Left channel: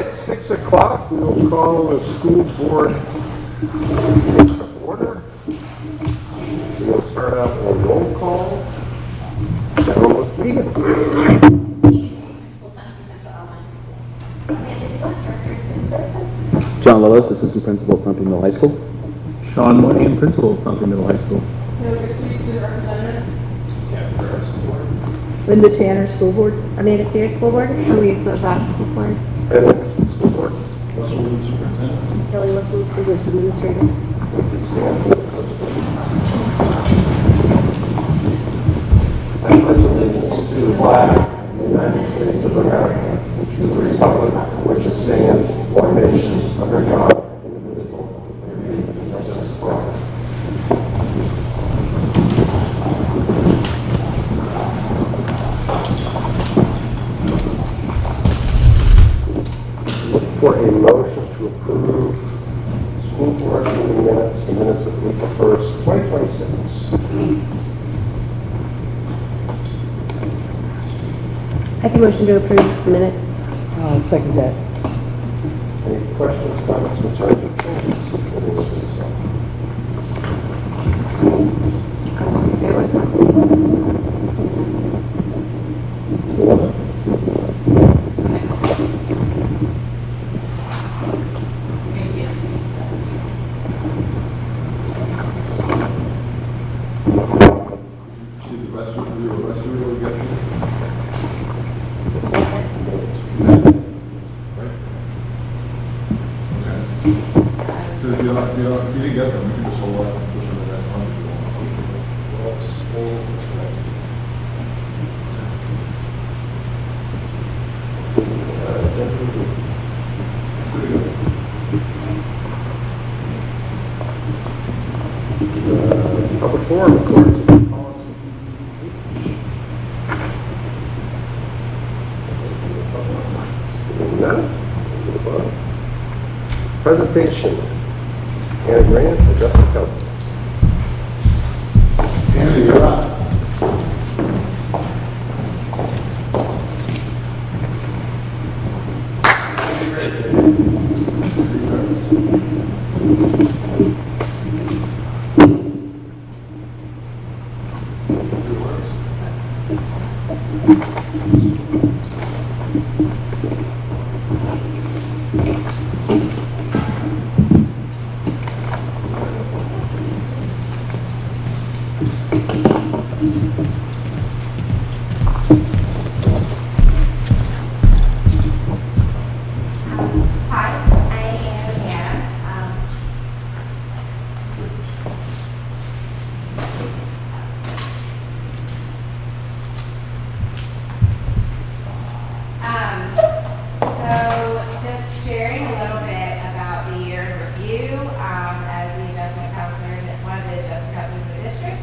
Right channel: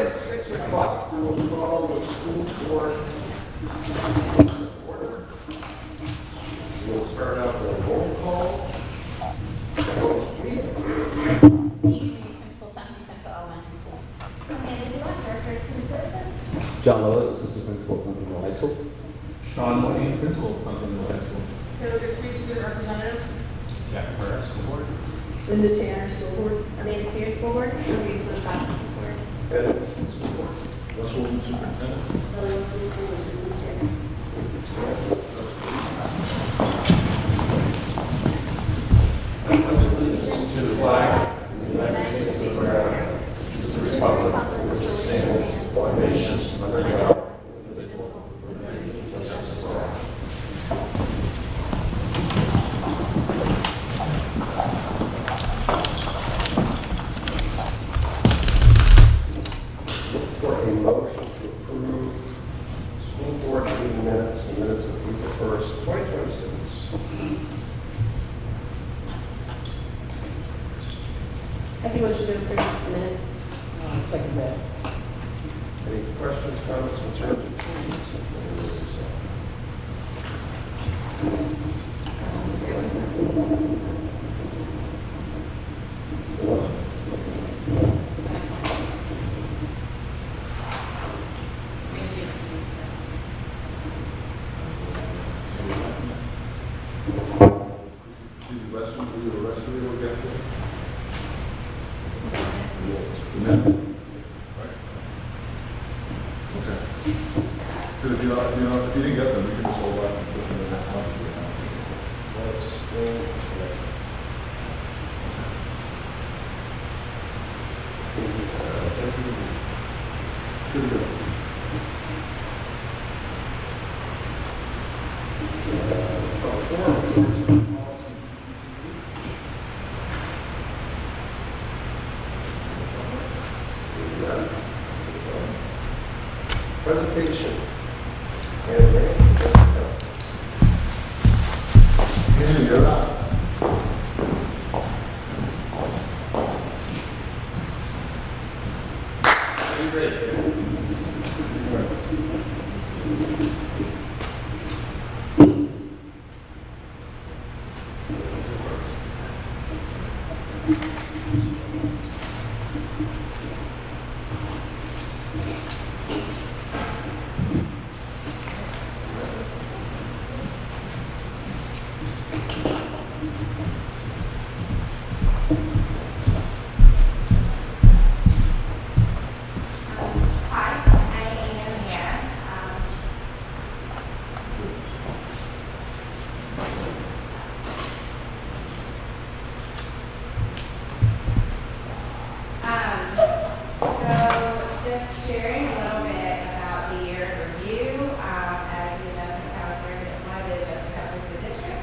at 6 o'clock, we'll call the school board to order. We'll start out with a roll call. General, please. John Lois, Assistant Principal at Thumping Middle High School. Sean Lane, Principal at Thumping Middle High School. Student Representative. Linda Tanner, School Board. Amanda Spears, School Board. Louise Lozak, School Board. And school board. Russell Lane, Superintendent. Kelly Wilson, Business Administrator. I pledge allegiance to the flag of the United States of America, to the republic for which it stands, one nation, under God, indivisible, with liberty and justice for all. For a motion to approve school board meeting minutes, the minutes of April 1st, 2026. I can motion to approve the minutes. Second that. Any questions, comments, concerns, or changes? Did the rest of you get them? Right? Okay. So if you didn't get them, we can just hold off and push them in that one if you want. It's good to go. Public forum, of course. None? Presentation. Ann Rand from Justice Council. Andrew, you're on. Hi, I am Hannah. So just sharing a little bit about the year in review, as the adjustment counselor, one of the adjustment counselors of the district,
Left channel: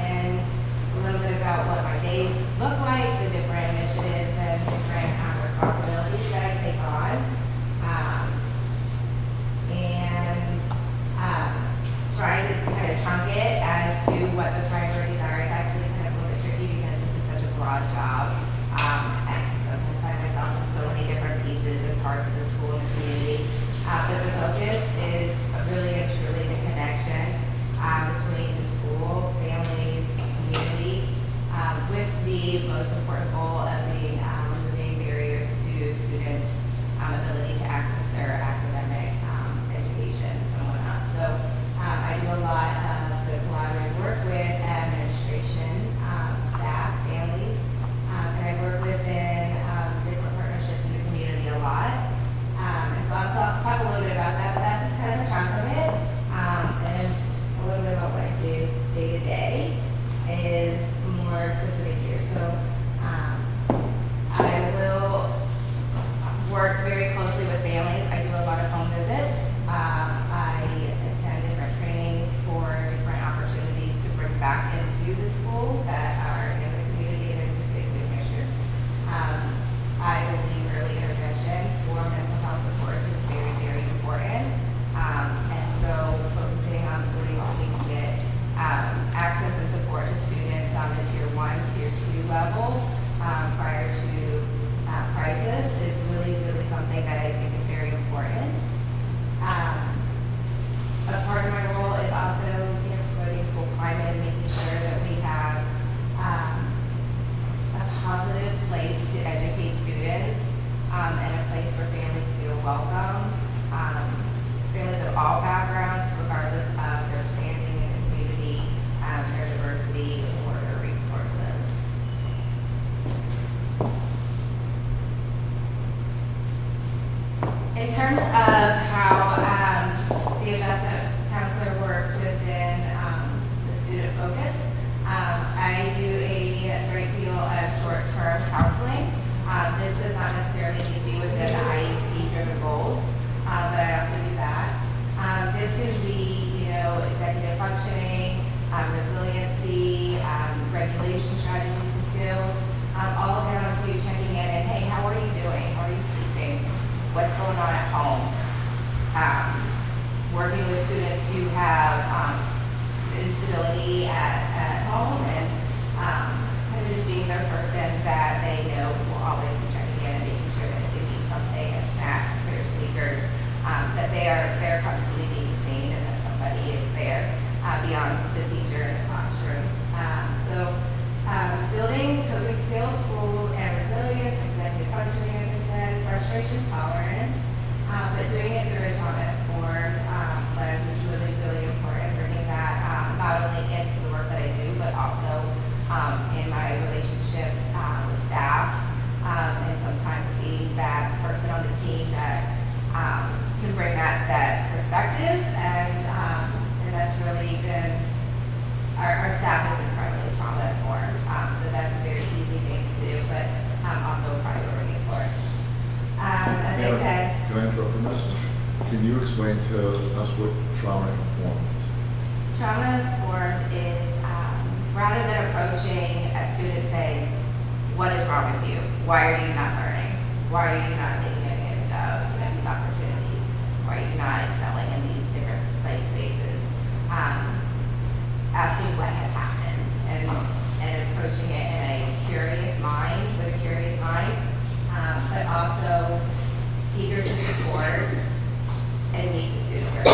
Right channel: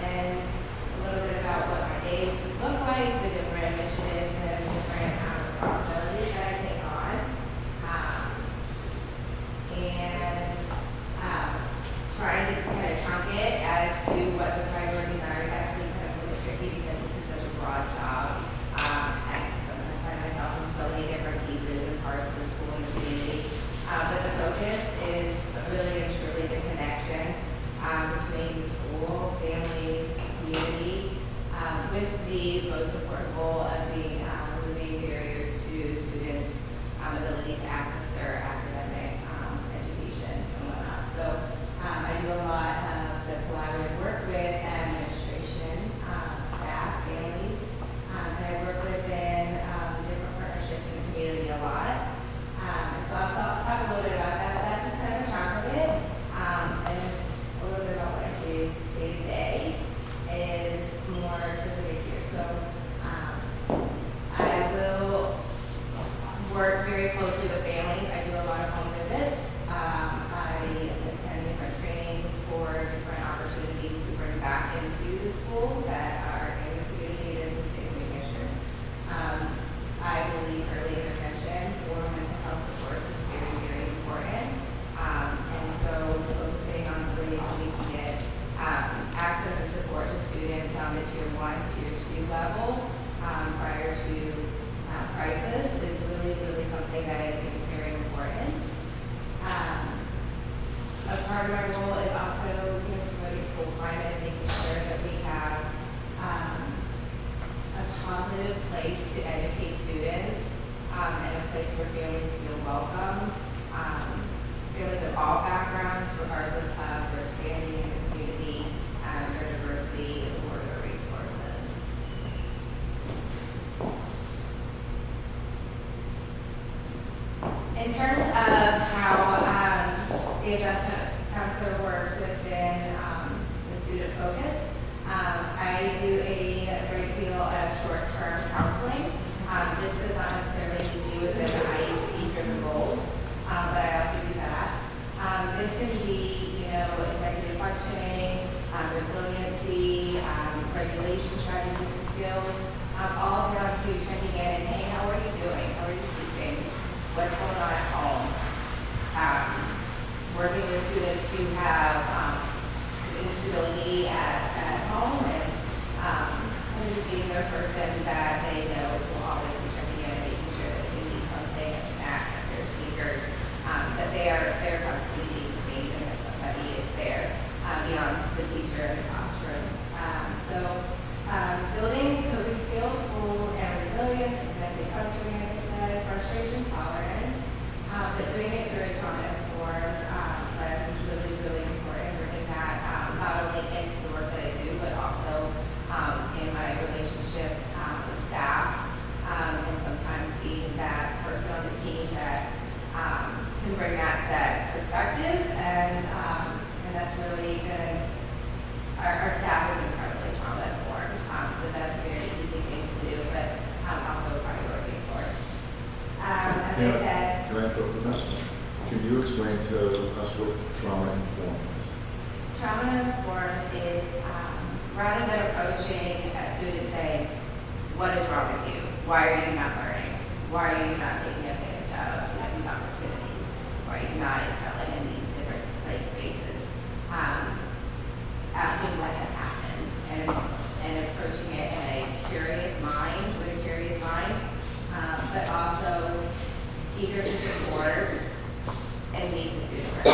and a little bit about what my days look like, the different initiatives and different responsibilities that I take on. Trying to kind of chunk it as to what the priorities are is actually kind of a little bit tricky because this is such a broad job. I sometimes find myself in so many different pieces and parts of the school and the community. But the focus is really and truly the connection between the school, families, community, with the most important goal of being removing barriers to students' ability to access their academic education and whatnot. So I do a lot of the collaborative work with administration, staff, families, and I work within different partnerships in the community a lot. And so I'll talk a little bit about that, but that's just kind of a chunk of it. And a little bit about what I do day to day is more specific here. So I will work very closely with families. I do a lot of home visits. I attend different trainings for different opportunities to bring back into the school that are in the community and in the state of New Hampshire. I believe early intervention for mental health supports is very, very important. And so focusing on ways that we can get access and support to students on the tier 1, tier 2 level prior to crisis is really, really something and a place where families feel welcome. Families of all backgrounds, regardless of their standing in the community, their diversity, or their resources. In terms of how the adjustment counselor works within the student focus, I do a great deal of short-term counseling. This does not necessarily need to be within the IEP-driven goals, but I also do that. This can be, executive functioning, resiliency, regulation strategies and skills, all down to checking in and, hey, how are you doing? How are you sleeping? What's going on at home? Working with students who have instability at home and just being their person that they know will always be checking in and making sure that if they need something, a snack, their sneakers, that they're constantly being seen and that somebody is there beyond the teacher in the classroom. Building coping skills, rule and resilience, executive functioning, as I said, frustration tolerance, but doing it through a trauma-informed lens is really, really important, bringing that not only into the work that I do, but also in my relationships with staff, and sometimes being that person on the team that can bring that perspective, and that's really been, our staff is incredibly trauma-informed, so that's a very easy thing to do, but also a priority, of course. As I said, Can I interrupt a minute? Can you explain to us what trauma-informed is? trauma-informed is rather than approaching a student saying, what is wrong with you? Why are you not learning? Why are you not taking advantage of these opportunities? Why are you not excelling in these different play spaces? Asking what has happened and approaching it in a curious mind, but also eager to support and meet the student where they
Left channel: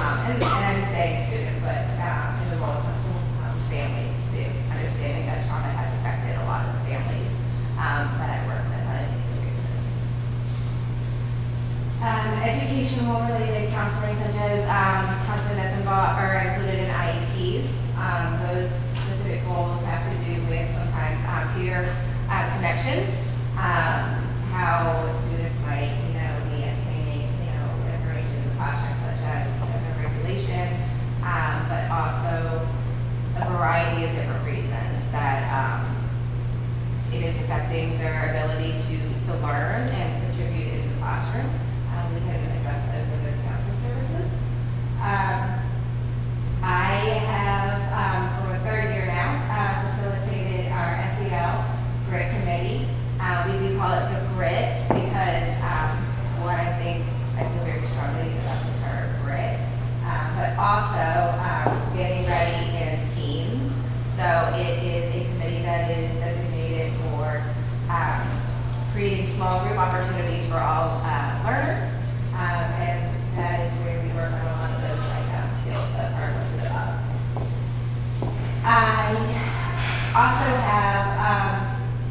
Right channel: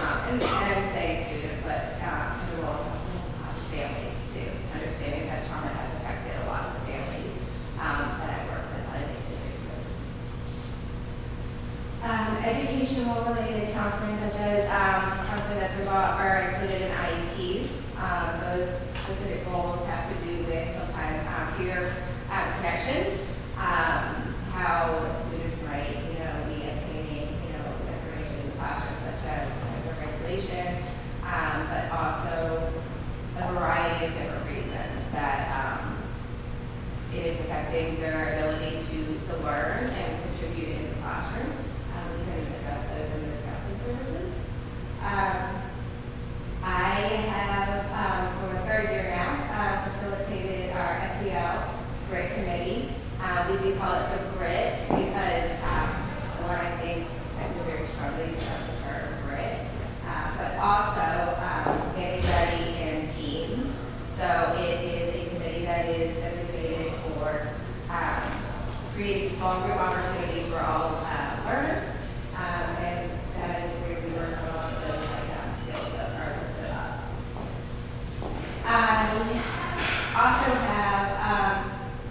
are. And I'm saying student, but in the role of families too, understanding that trauma has affected a lot of the families that I work with on a daily basis. Educational related counseling, such as counseling that's involved or included in IEPs. Those specific goals have to do with sometimes peer connections, how students might, be obtaining, information in the classroom, such as regulation, but also a variety of different reasons that if it's affecting their ability to learn and contribute in the classroom, we can address those in those counseling services. I have, for the third year now, facilitated our SEL GRIT committee. We do call it the GRIT because I feel very strongly about the term GRIT, but also getting ready in teams. So it is a committee that is designated for creating small group opportunities for all learners, and that is where we work on a lot of those skills that are listed up. I also have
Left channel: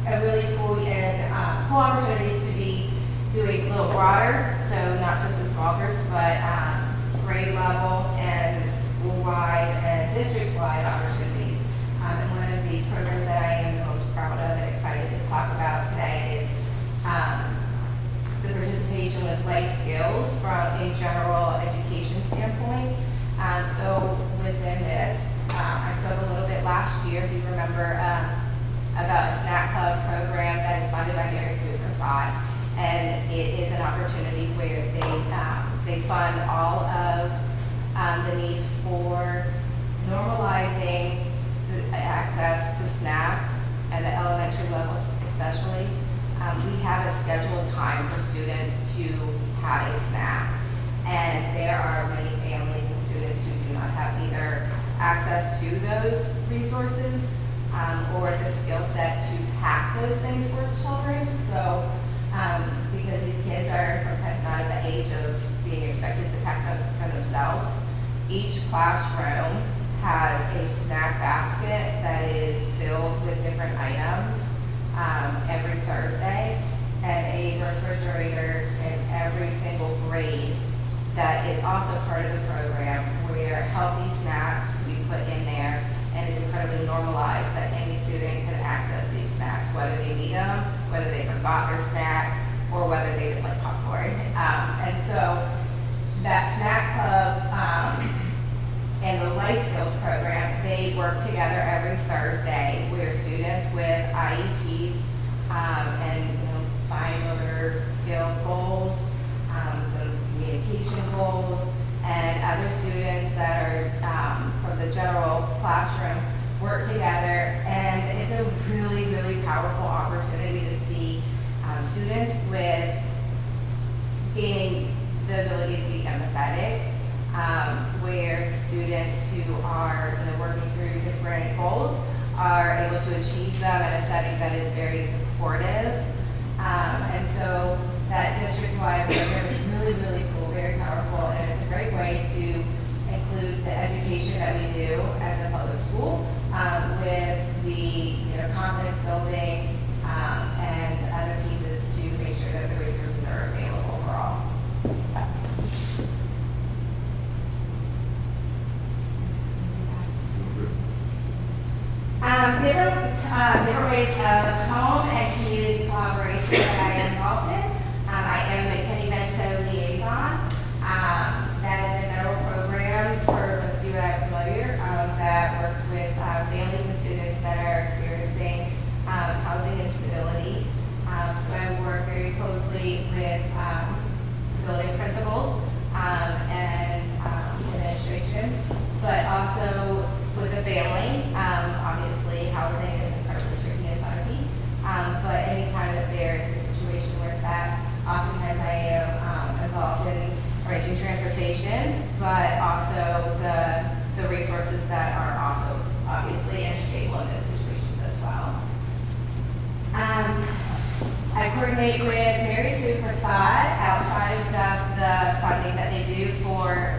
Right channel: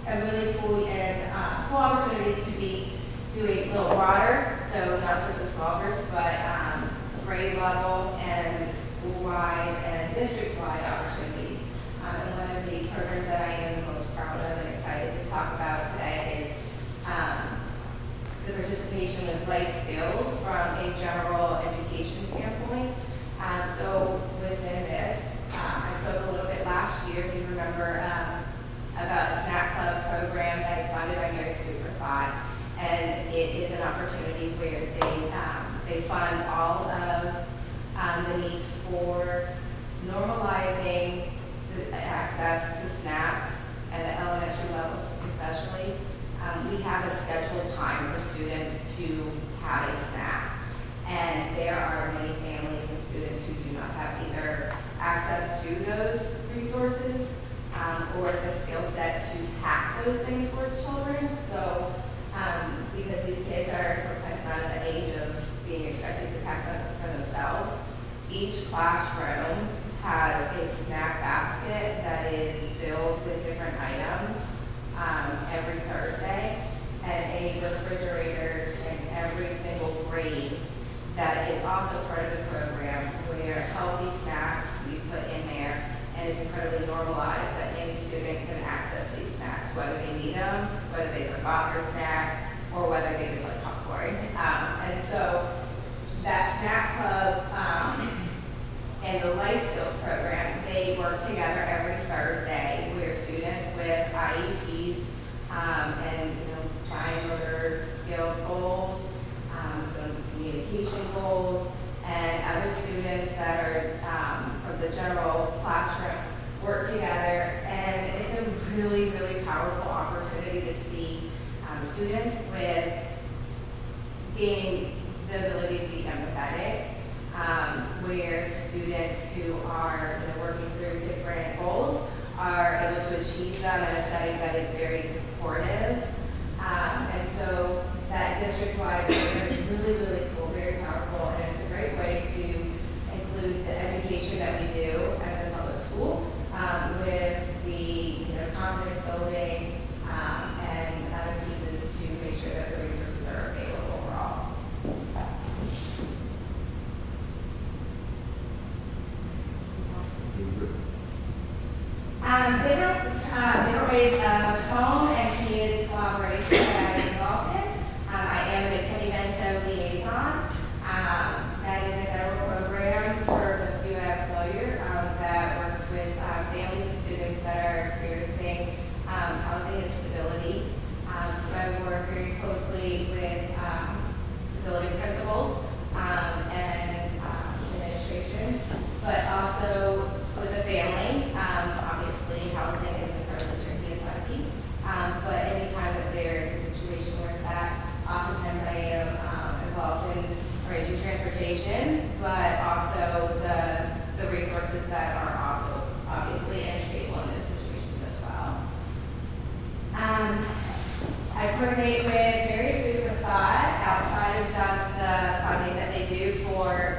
a really cool opportunity to be doing a little broader, so not just the small groups, but grade level and school-wide and district-wide opportunities. And one of the programs that I am most proud of and excited to talk about today is the participation with life skills from a general education standpoint. So within this, I spoke a little bit last year, if you remember, about a snack club program that is funded by Mary's Food for Thought, and it is an opportunity where they fund all of the needs for normalizing the access to snacks at the elementary levels, especially. We have a scheduled time for students to have a snack, and there are many families and students who do not have either access to those resources or the skill set to pack those things for children. So because these kids are sometimes not at the age of being expected to pack them for themselves, each classroom has a snack basket that is filled with different items every Thursday. and a refrigerator in every single grade that is also part of the program, where healthy snacks we put in there, and it's incredibly normalized that any student can access these snacks, whether they need them, whether they forgot their snack, or whether they just like popcorn. And so that snack club and the life skills program, they work together every Thursday, where students with IEPs and fine motor skill goals, some communication goals, and other students that are from the general classroom work together. And it's a really, really powerful opportunity to see students with gaining the ability to be empathetic, where students who are working through different goals are able to achieve them in a setting that is very supportive. And so that district-wide program is really, really cool, very powerful, and it's a great way to include the education that we do as a public school with the confidence building and other pieces to make sure that the resources are available for all. Different ways of home and community collaboration that I am involved in. I am the Kenny Bento liaison. That is a federal program, for most of you that are familiar, that works with families and students that are experiencing housing instability. So I work very closely with building principals and administration, but also with the family. Obviously, housing is incredibly tricky in Sunapee, but anytime that there is a situation where that, oftentimes I am involved in arranging transportation, but also the resources that are also obviously unstable in those situations as well. I coordinate with Mary Sue for Thought outside of just the funding that they do for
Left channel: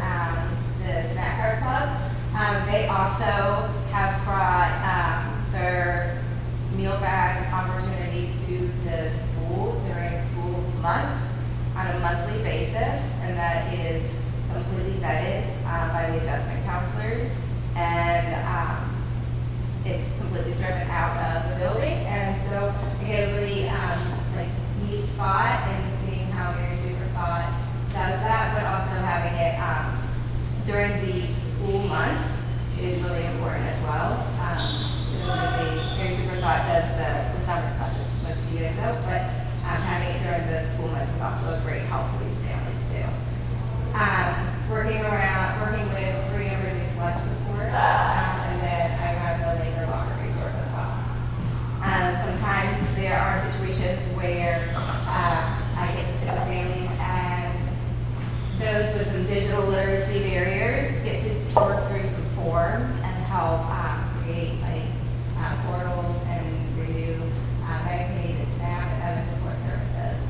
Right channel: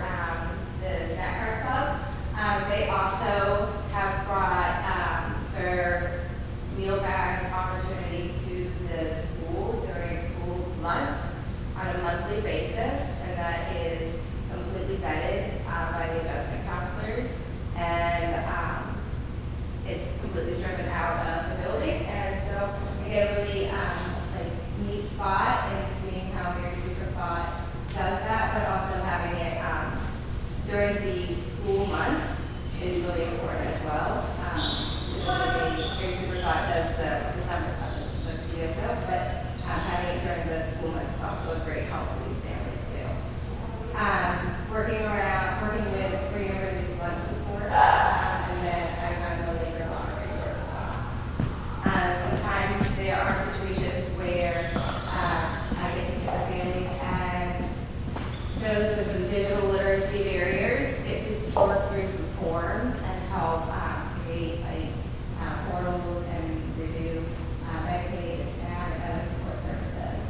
the Snack Cart Club. They also have brought their meal bag opportunity to the school during school months on a monthly basis, and that is completely vetted by the adjustment counselors, and it's completely driven out of the building. And so I get a really neat spot in seeing how Mary Super Thought does that, but also having it during the school months is really important as well. Mary Super Thought does the summer stuff, as most of you guys know, but having it during the school months is also a great help for these families too. Working with free and reduced lunch support, and then I have the labor locker resource as well. Sometimes there are situations where I get to sit with families, and those with some digital literacy barriers get to work through some forms and help create portals and renew medicated staff and other support services.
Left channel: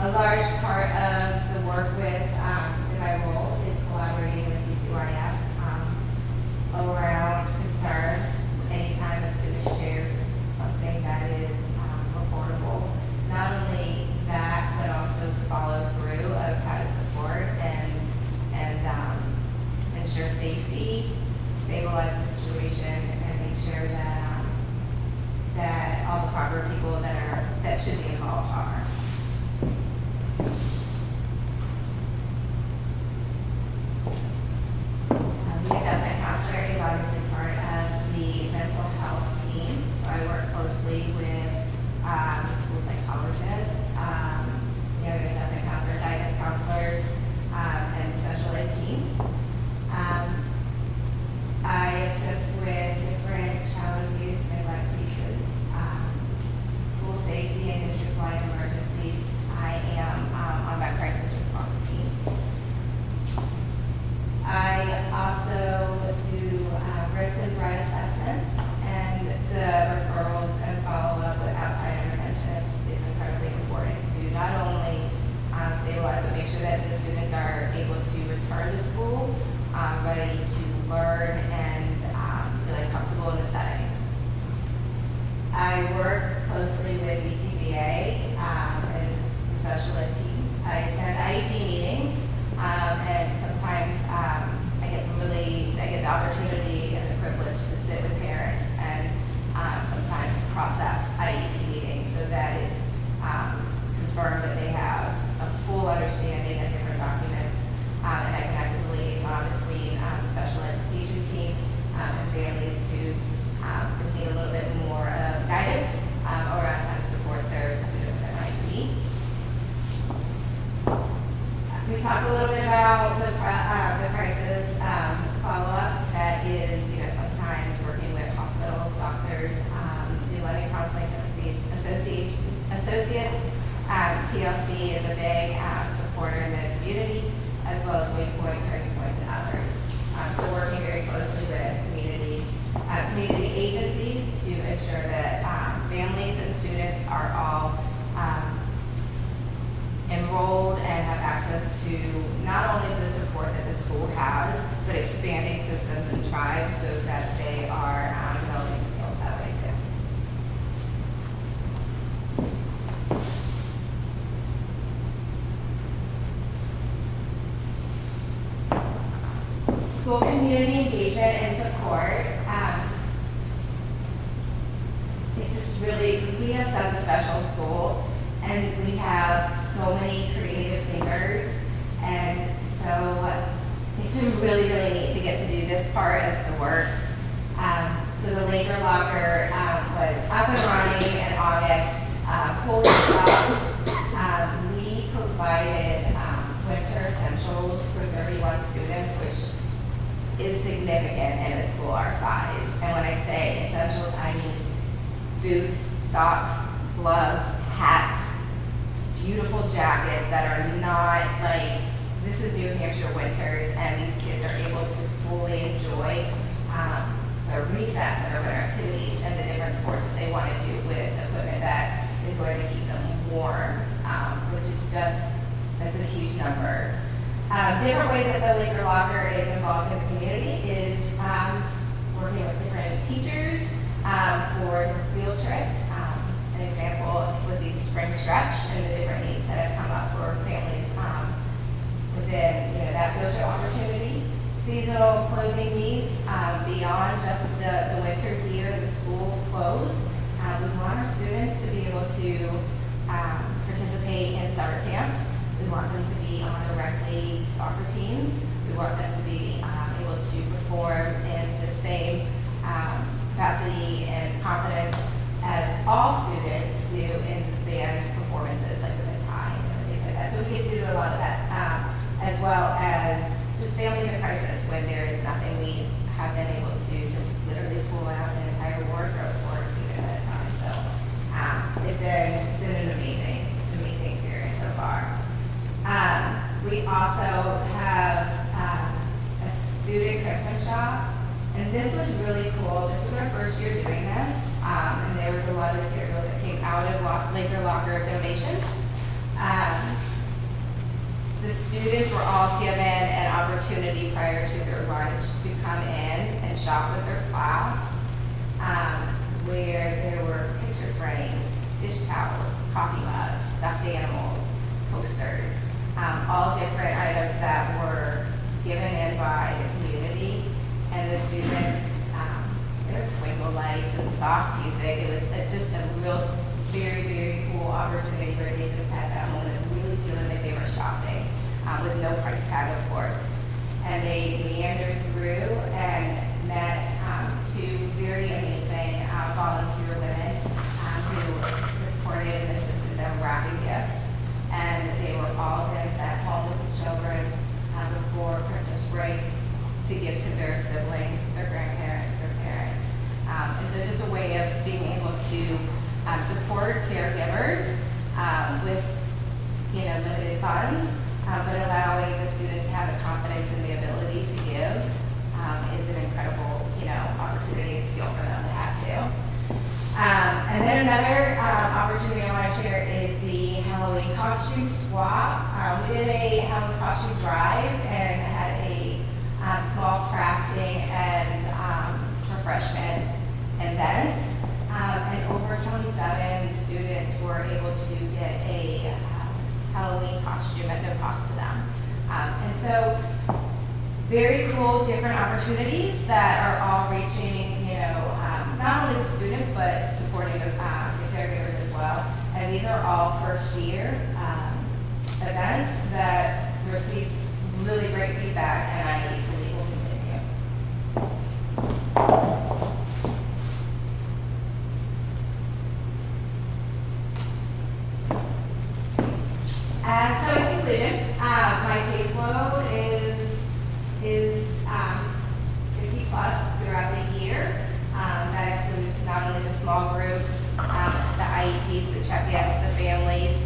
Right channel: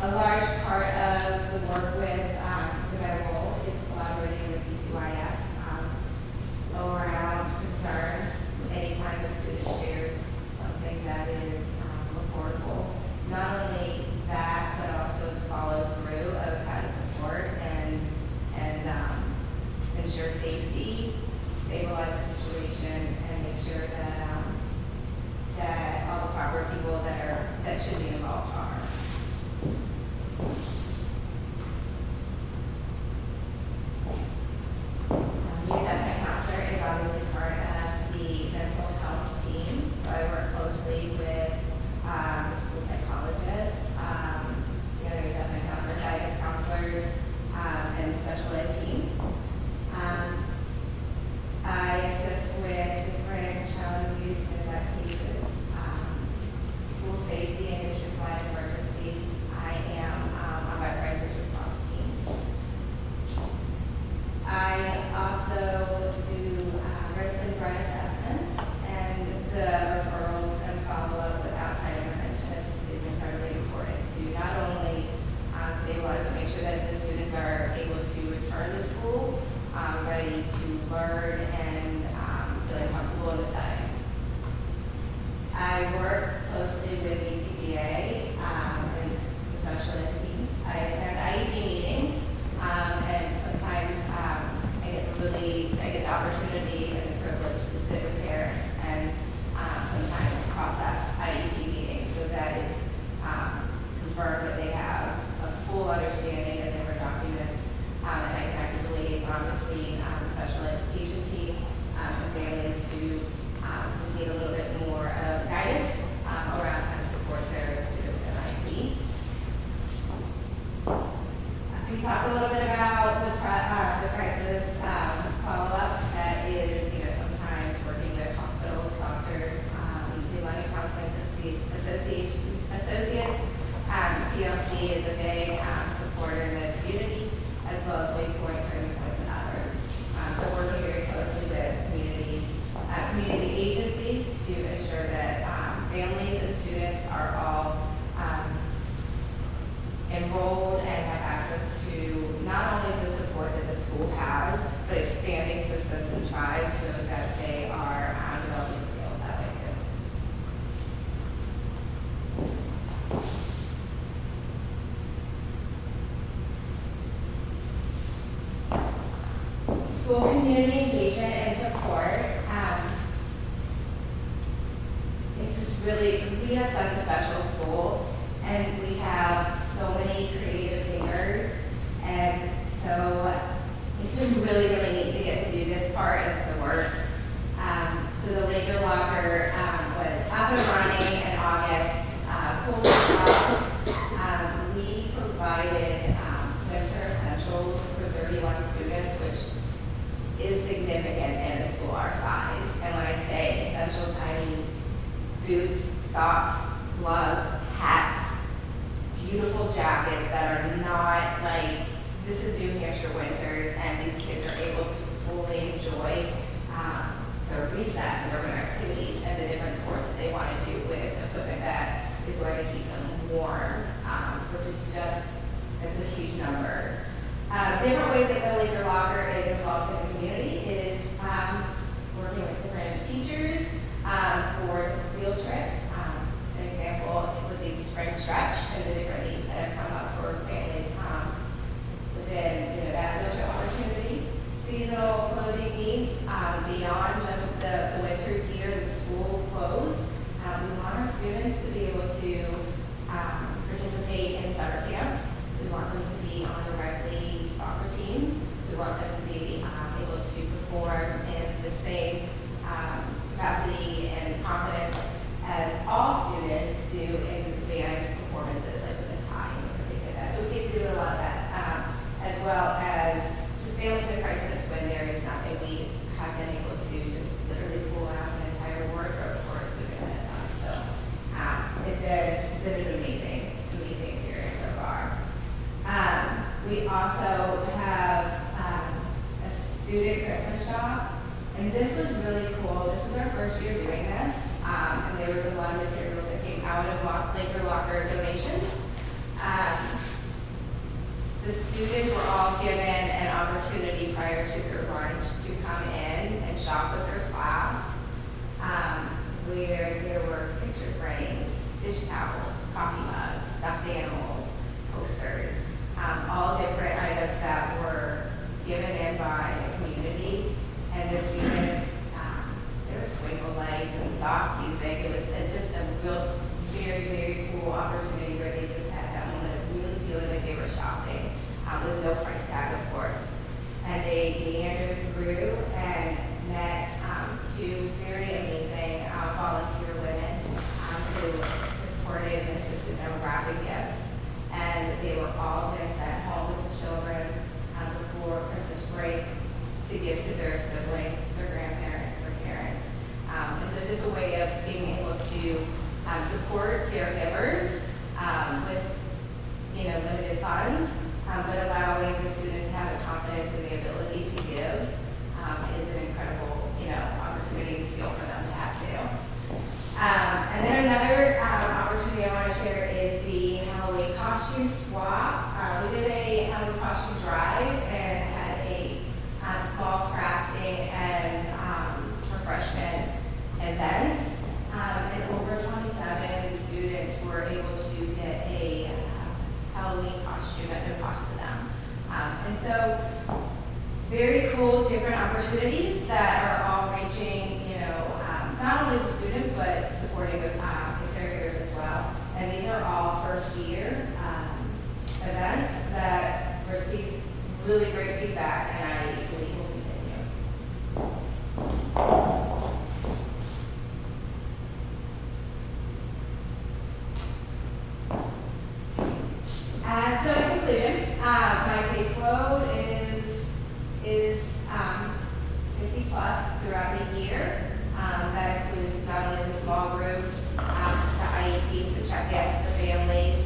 A large part of the work with in my role is collaborating with DCYF around concerns. Anytime a student shares something that is reportable, not only that, but also the follow through of how to support and ensure safety, stabilize the situation, and make sure that that all the proper people that should be involved are. The adjustment counselor is obviously part of the mental health team, so I work closely with the school psychologists, the other adjustment counselor, guidance counselors, and special ed teams. I assist with different child abuse and neglect cases, school safety and district-wide emergencies. I am on my crisis response team. I also do risk and threat assessments, and the referrals and follow-up with outside interventionists is incredibly important to not only stabilize, but make sure that the students are able to return to school, ready to learn and feeling comfortable in the setting. I work closely with BCBA and the special ed team. I attend IEP meetings, and sometimes I get the opportunity and the privilege to sit with parents and sometimes process IEP meetings so that it's confirmed that they have a full understanding of different documents, and I can act as a liaison between the special education team and families who just need a little bit more guidance around how to support their student with an IEP. We talked a little bit about the crisis follow-up. That is, sometimes working with hospitals, doctors, New London Counseling Associates. TLC is a big supporter in the community, as well as Waypoint, Turning Points, and others. So working very closely with community agencies to ensure that families and students are all enrolled and have access to not only the support that the school has, but expanding systems and tribes so that they are developing skills that way too. School community engagement and support. It's just really, we have such a special school, and we have so many creative thinkers, and so it's been really, really neat to get to do this part of the work. So the Laker Locker was up and running in August, fully stocked. We provided winter essentials for 31 students, which is significant in a school our size. And when I say essentials, I mean boots, socks, gloves, hats, beautiful jackets that are not like, this is New Hampshire winters, and these kids are able to fully enjoy their recess and their winter activities and the different sports that they want to do with equipment that is going to keep them warm, which is just, that's a huge number. Different ways that the Laker Locker is involved in the community is working with different teachers for field trips. An example would be the spring stretch and the different needs that have come up for families within that field trip opportunity. Seasonal clothing needs beyond just the winter gear and the school clothes. We want our students to be able to participate in summer camps. We want them to be on directly soccer teams. We want them to be able to perform in the same capacity and confidence as all students do in band performances, like with a tie and things like that. So we get to do a lot of that, as well as just families in crisis when there is nothing. We have been able to just literally pull out an entire wardrobe for a student at a time. So it's been an amazing experience so far. We also have a student Christmas shop, and this was really cool. This was our first year doing this, and there was a lot of materials that came out of Laker Locker donations. The students were all given an opportunity prior to their lunch to come in and shop with their class, where there were picture frames, dish towels, coffee mugs, stuffed animals, posters, all different items that were given in by the community. And the students, there were twinkle lights and soft music. It was just a real, very, very cool opportunity where they just had that moment of really feeling like they were shopping, with no price tag, of course. And they meandered through and met two very amazing volunteer women who supported and assisted them wrapping gifts. And they were all then sent home with the children before Christmas break to give to their siblings, their grandparents, their parents. And so just a way of being able to support caregivers with limited funds, but allowing the students to have the confidence and the ability to give is an incredible opportunity and skill for them to have too. And then another opportunity I want to share is the Halloween costume swap. We did a Halloween costume drive and had a small crafting and refreshment event And over 27 students were able to get a Halloween costume at no cost to them. And so very cool, different opportunities that are all reaching, not only the student, but supporting the caregivers as well. And these are all first year events that received really great feedback, and I believe will continue. And so in conclusion, my caseload is 50 plus throughout the year. That includes not only the small group, the IEPs, the check-ins, the families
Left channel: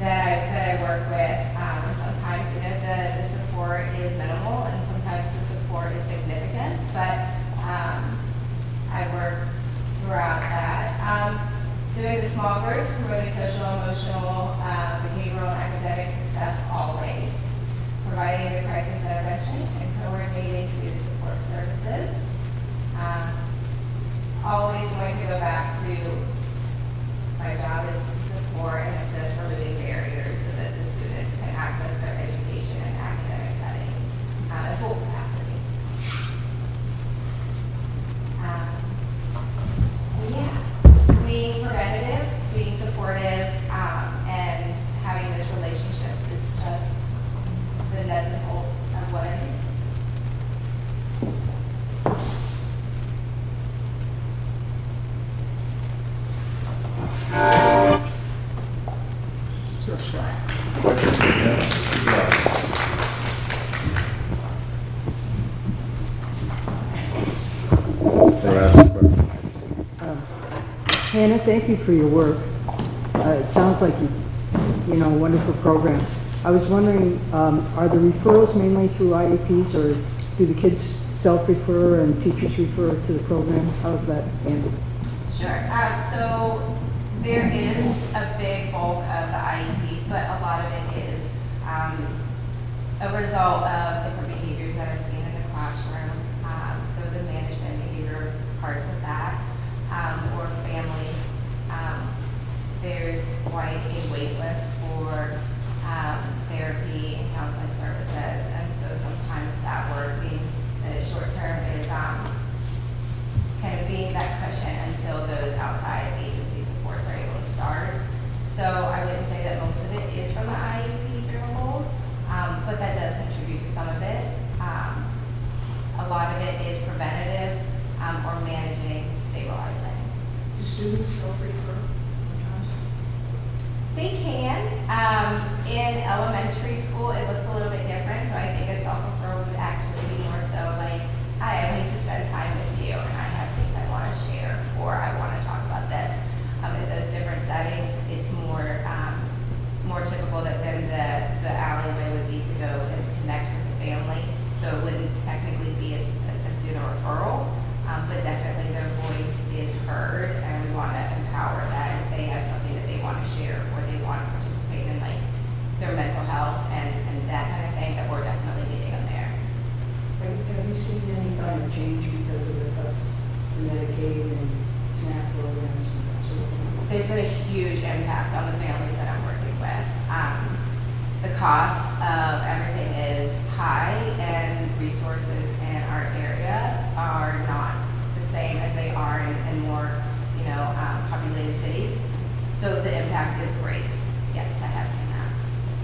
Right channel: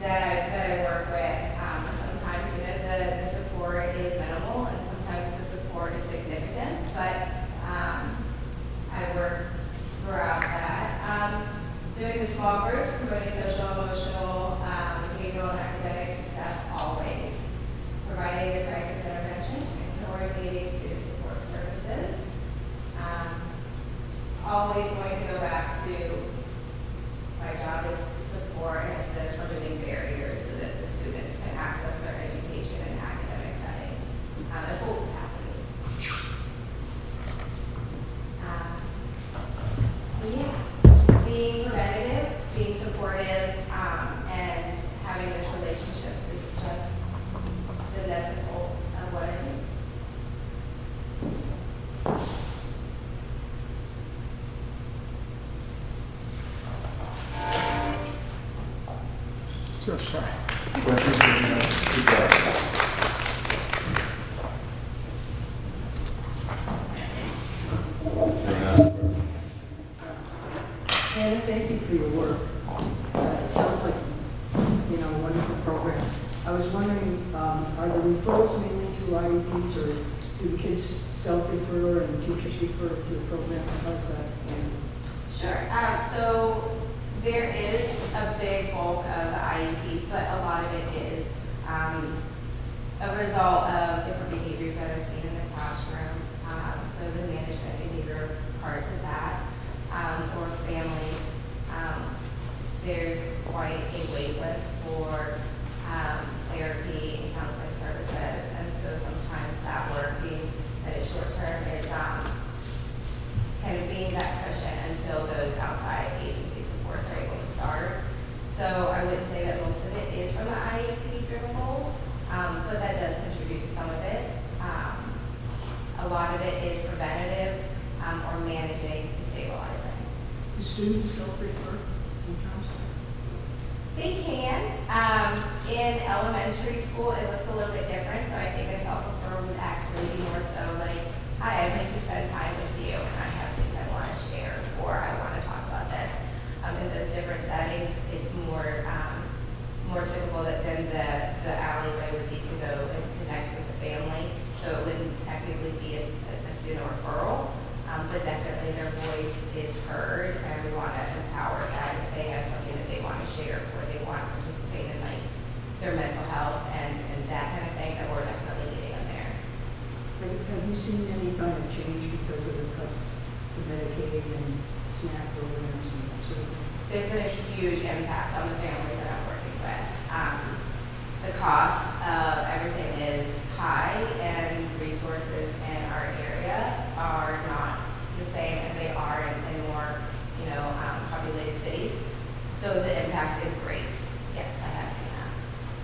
that I work with. Sometimes the support is minimal, and sometimes the support is significant, but I work throughout that. Doing the small groups, promoting social, emotional, behavioral, and academic success always. Providing the crisis intervention and coordinating student support services. Always going to go back to my job is to support and assist removing barriers so that the students can access their education and academic setting at full capacity. So yeah, being preventative, being supportive, and having those relationships is just the nuts and bolts of what I do. So shy. Hannah, thank you for your work. It sounds like wonderful program. I was wondering, are the referrals mainly through IEPs, or do the kids self-refer and teachers refer to the program? How's that handled? Sure. So there is a big bulk of the IEP, but a lot of it is a result of different behaviors that are seen in the classroom. So the management behavior parts of that, or families. There's quite a wait list for therapy and counseling services, and so sometimes that work being that is short term is kind of being that cushion until those outside agency supports are able to start. So I wouldn't say that most of it is from the IEP driven goals, but that does contribute to some of it. A lot of it is preventative or managing, stabilizing. Do students self-refer sometimes? They can. In elementary school, it looks a little bit different, so I think a self-referral would actually be more so like, hi, I need to spend time with you, and I have things I want to share, or I want to talk about this. In those different settings, it's more typical that then the alleyway would be to go and connect with the family, so it wouldn't technically be a student referral, but definitely their voice is heard, and we want to empower that if they have something that they want to share, or they want to participate in like their mental health and that kind of thing, that we're definitely meeting them there. Have you seen any kind of change because of the cuts to Medicaid and SNAP programs and that sort of thing? There's been a huge impact on the families that I'm working with. The cost of everything is high, and resources in our area are not the same as they are in more, populated cities. So the impact is great. Yes, I have seen that.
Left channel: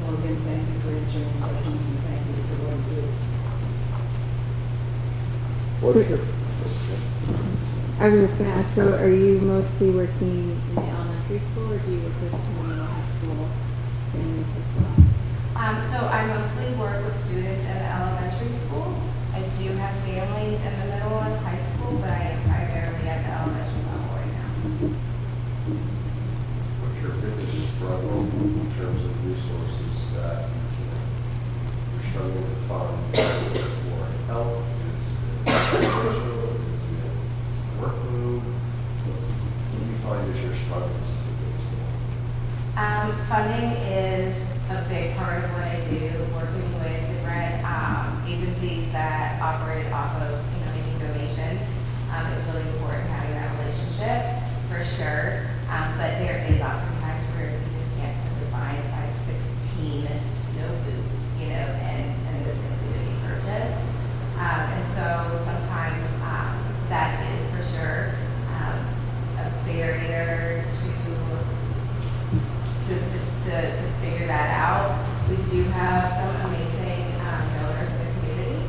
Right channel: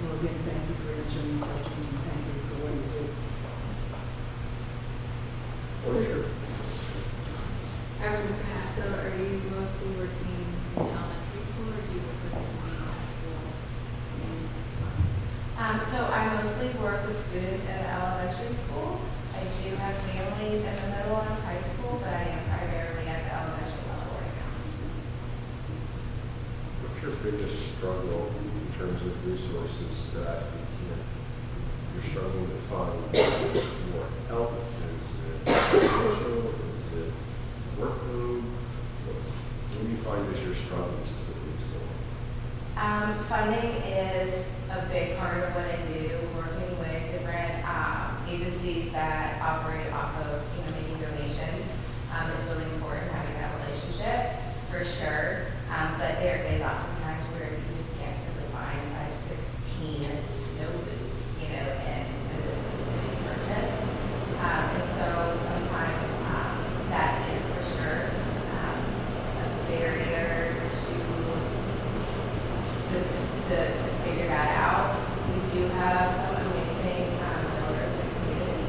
Well, again, thank you for answering questions, and thank you for what you do. What's your? I was just gonna ask, so are you mostly working in the elementary school, or do you work with the high school families as well? So I mostly work with students in the elementary school. I do have families in the middle and high school, but I am primarily at the elementary level right now. What's your biggest struggle in terms of resources that you're struggling to find for help? Is it financial? Is it workload? What do you find is your struggles as a biggest one? Funding is a big part of what I do, working with different agencies that operate off of making donations. It's really important having that relationship, for sure. But there is oftentimes where you just can't simply find a size 16 snow boots, you know, and this is to be purchased. And so sometimes that is for sure a barrier to figure that out. We do have some amazing builders in the community,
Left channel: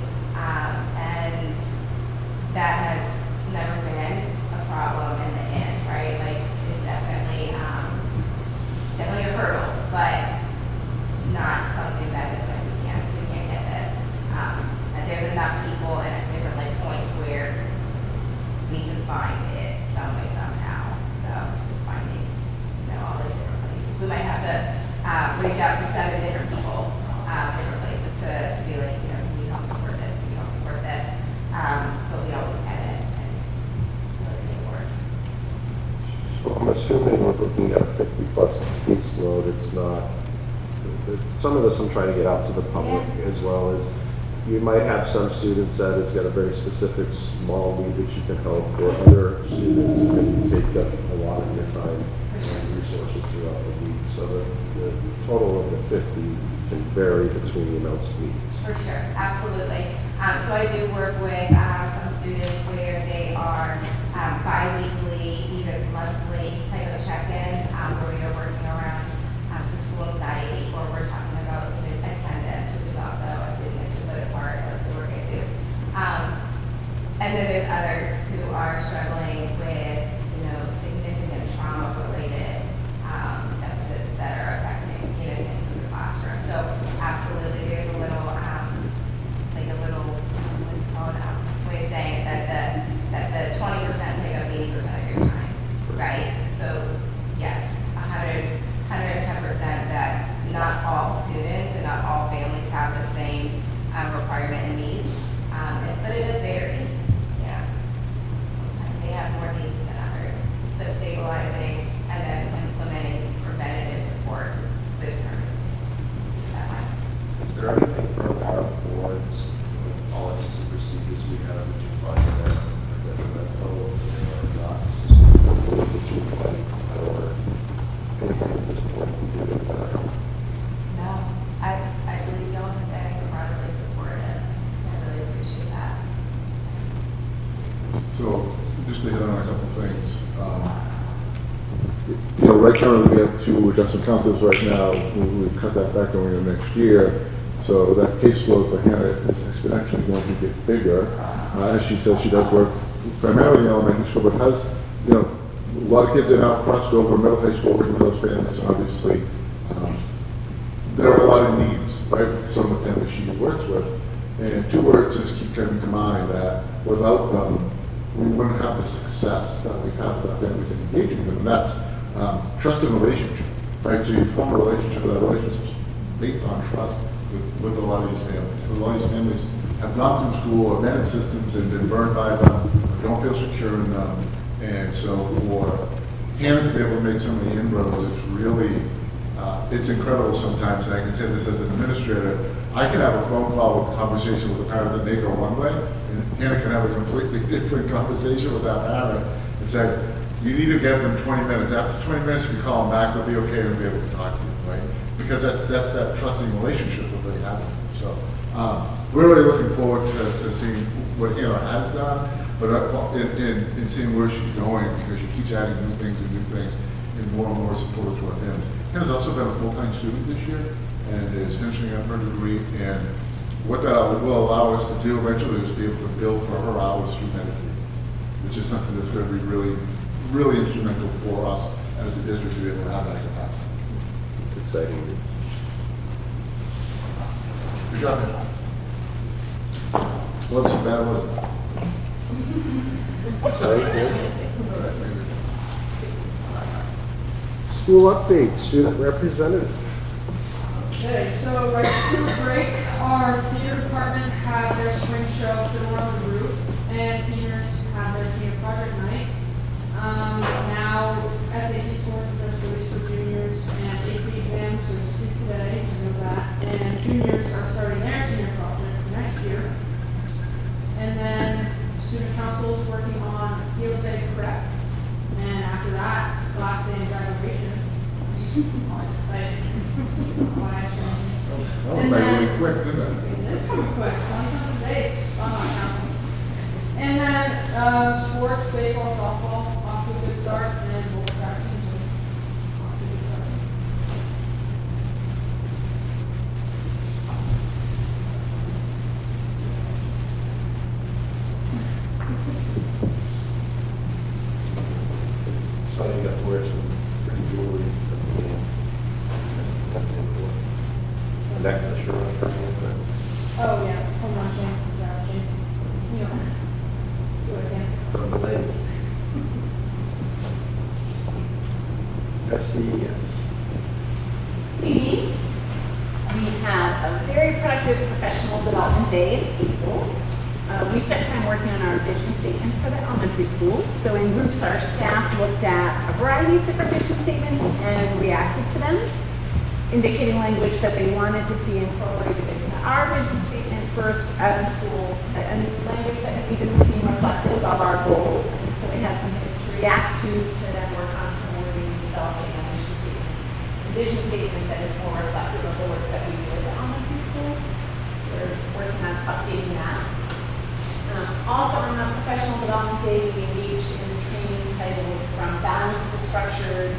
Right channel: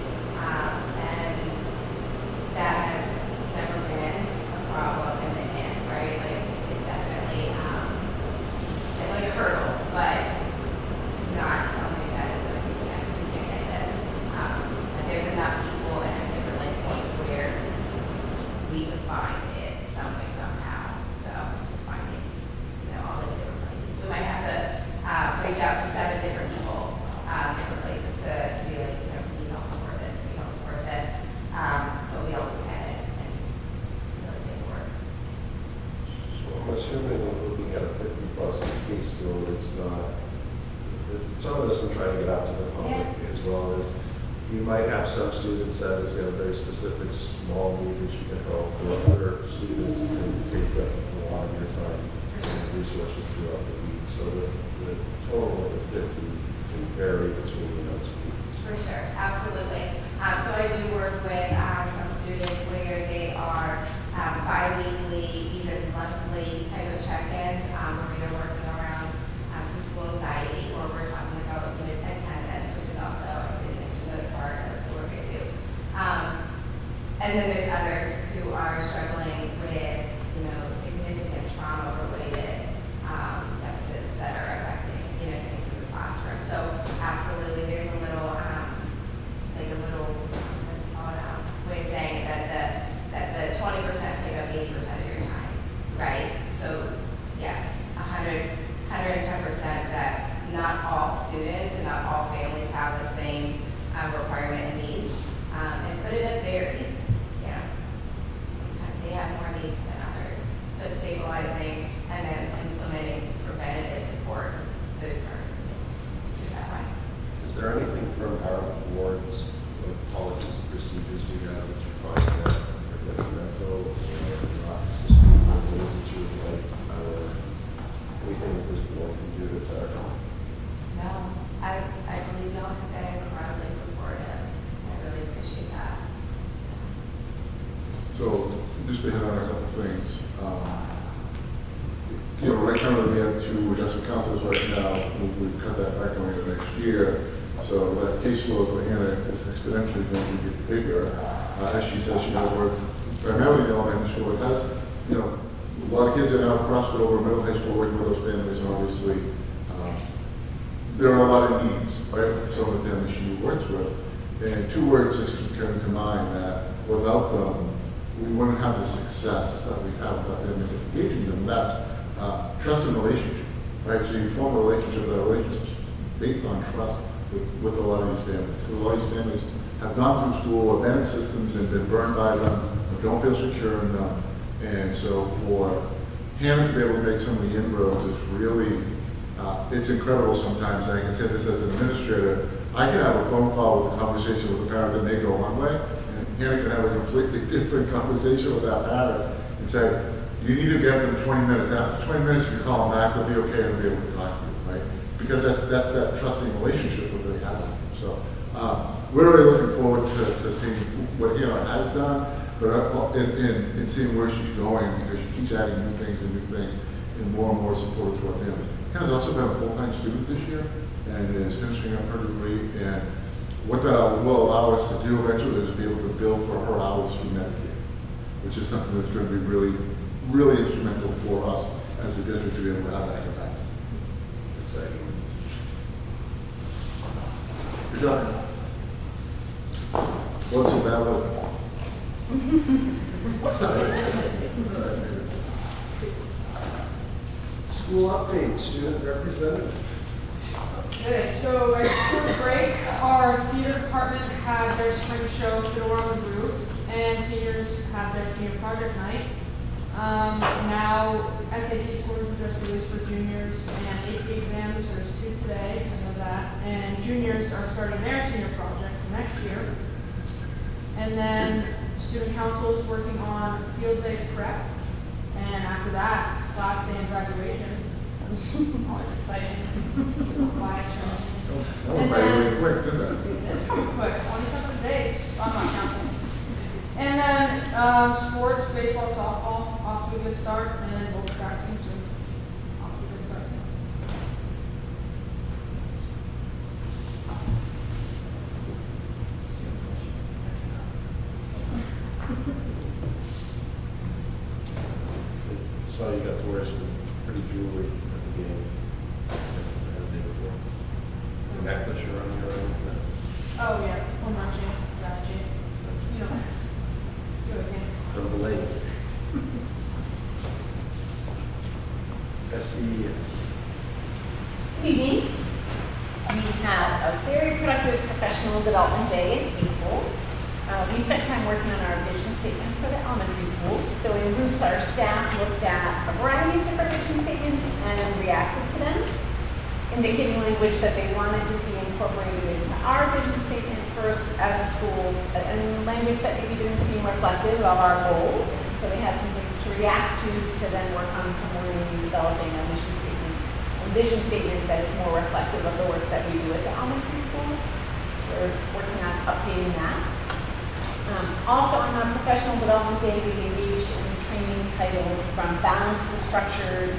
and that has never been a problem in the end, right? Like, it's definitely a hurdle, but not something that is like, we can't get this. And there's enough people and at different like points where we can find it some way, somehow. So it's just finding, all these different places. We might have to reach out to 7 different people, different places to be like, we don't support this, we don't support this. But we always get it and really make it work. So I'm assuming we're looking at 50 bucks a piece load. It's not, some of this I'm trying to get out to the public as well as you might have some students that it's got a very specific small need that you can help, or other students who can take up a lot of your time and resources throughout the week. So the total of the 50 can vary between those weeks. For sure, absolutely. So I do work with some students where they are bi-weekly, even monthly type of check-ins, where we are working around some school anxiety, or we're talking about attendance, which is also a really another part of the work I do. And then there's others who are struggling with, significant trauma-related deficits that are affecting, things in the classroom. So absolutely, there's a little, way of saying that the 20% take up 80% of your time, right? So yes, 110% that not all students and not all families have the same requirement and needs, but it does vary. Sometimes they have more needs than others, but stabilizing and then implementing preventative supports is good for that one. Is there anything from our boards, with policies and procedures we have that you find that are detrimental or not assisting with the needs that you would like, or anything that this board can do to better? No, I believe y'all have been incredibly supportive. I really appreciate that. So, just to hit on a couple things. Right currently we have 2 adjustment counters right now. We've cut that back over the next year. So that caseload for Hannah is exponentially going to get bigger. As she says, she does work primarily in elementary school, but has, a lot of kids that are now crossed over middle high school working with those families, obviously. There are a lot of needs, right, for some of the families she works with. And 2 words just keep coming to mind that without them, we wouldn't have the success that we've had with our families and engaging them. And that's trust and relationship, right? So you form a relationship, with that relationship is based on trust with a lot of these families. Because a lot of these families have gone through school or been in systems and been burned by them, or don't feel secure in them. And so for Hannah to be able to make some of the inroads is really, it's incredible sometimes. And I can say this as an administrator, I can have a phone call with a conversation with a parent that may go one way, and Hannah can have a completely different conversation with that parent and say, you need to get them 20 minutes. After 20 minutes, if you call them back, they'll be okay and they'll be able to talk to you, right? Because that's that trusting relationship that they have with you. So we're really looking forward to seeing what Hannah has done, but in seeing where she's going, because she keeps adding new things and more support to our families. Hannah's also been a full-time student this year and is finishing up her degree. And what that will allow us to do eventually is be able to bill for her hours through Medicaid, which is something that's going to be really, really instrumental for us as a district to be able to have that capacity. It's exciting. Good job. What's a bad weather? School update, student representative. Okay, so right before break, our theater department had their spring show for the World of the Roof, and seniors had their senior project night. Now SAT scores were just released for juniors and AP exams, so there's 2 today, I know that. And juniors are starting their senior project next year. And then Student council is working on field day prep. And after that, it's last day and graduation. Always exciting. That went by really quick, didn't it? It's pretty quick, 27 days. I'm not counting. And then sports, baseball, softball, off to a good start, and both track teams are off to a good start. So you got to wear some pretty jewelry at the game. Necklace around your neck. Oh, yeah, hold on, Jane, Jane. You know, do it again. It's on the lake. SCES. evening. We had a very productive professional development day in April. We spent time working on our vision statement for the elementary school. So in groups, our staff looked at a variety of different vision statements and reacted to them, indicating language that they wanted to see incorporated into our vision statement first as a school, and language that maybe didn't seem reflective of our goals. And so we had some things to react to then work on some wording and developing a mission statement, a vision statement that is more reflective of the work that we do at the elementary school. So we're working on updating that. Also on our professional development day, we engaged in a training titled From Balanced to Structured,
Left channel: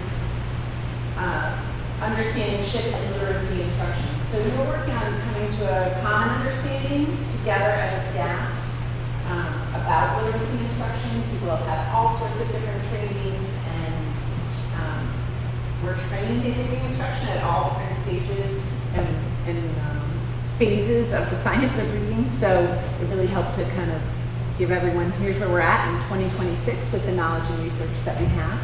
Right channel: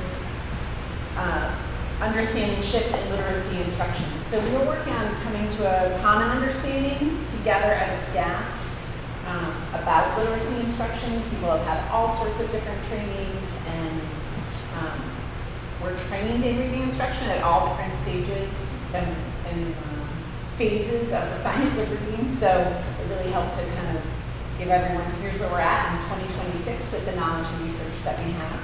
Understanding Shifts in Literacy Instruction. So we were working on coming to a common understanding together as a staff about literacy instruction. People have had all sorts of different trainings, and we're trained in reading instruction at all different stages and phases of the science of reading. So it really helped to kind of give everyone, here's where we're at in 2026 with the knowledge and research that we have.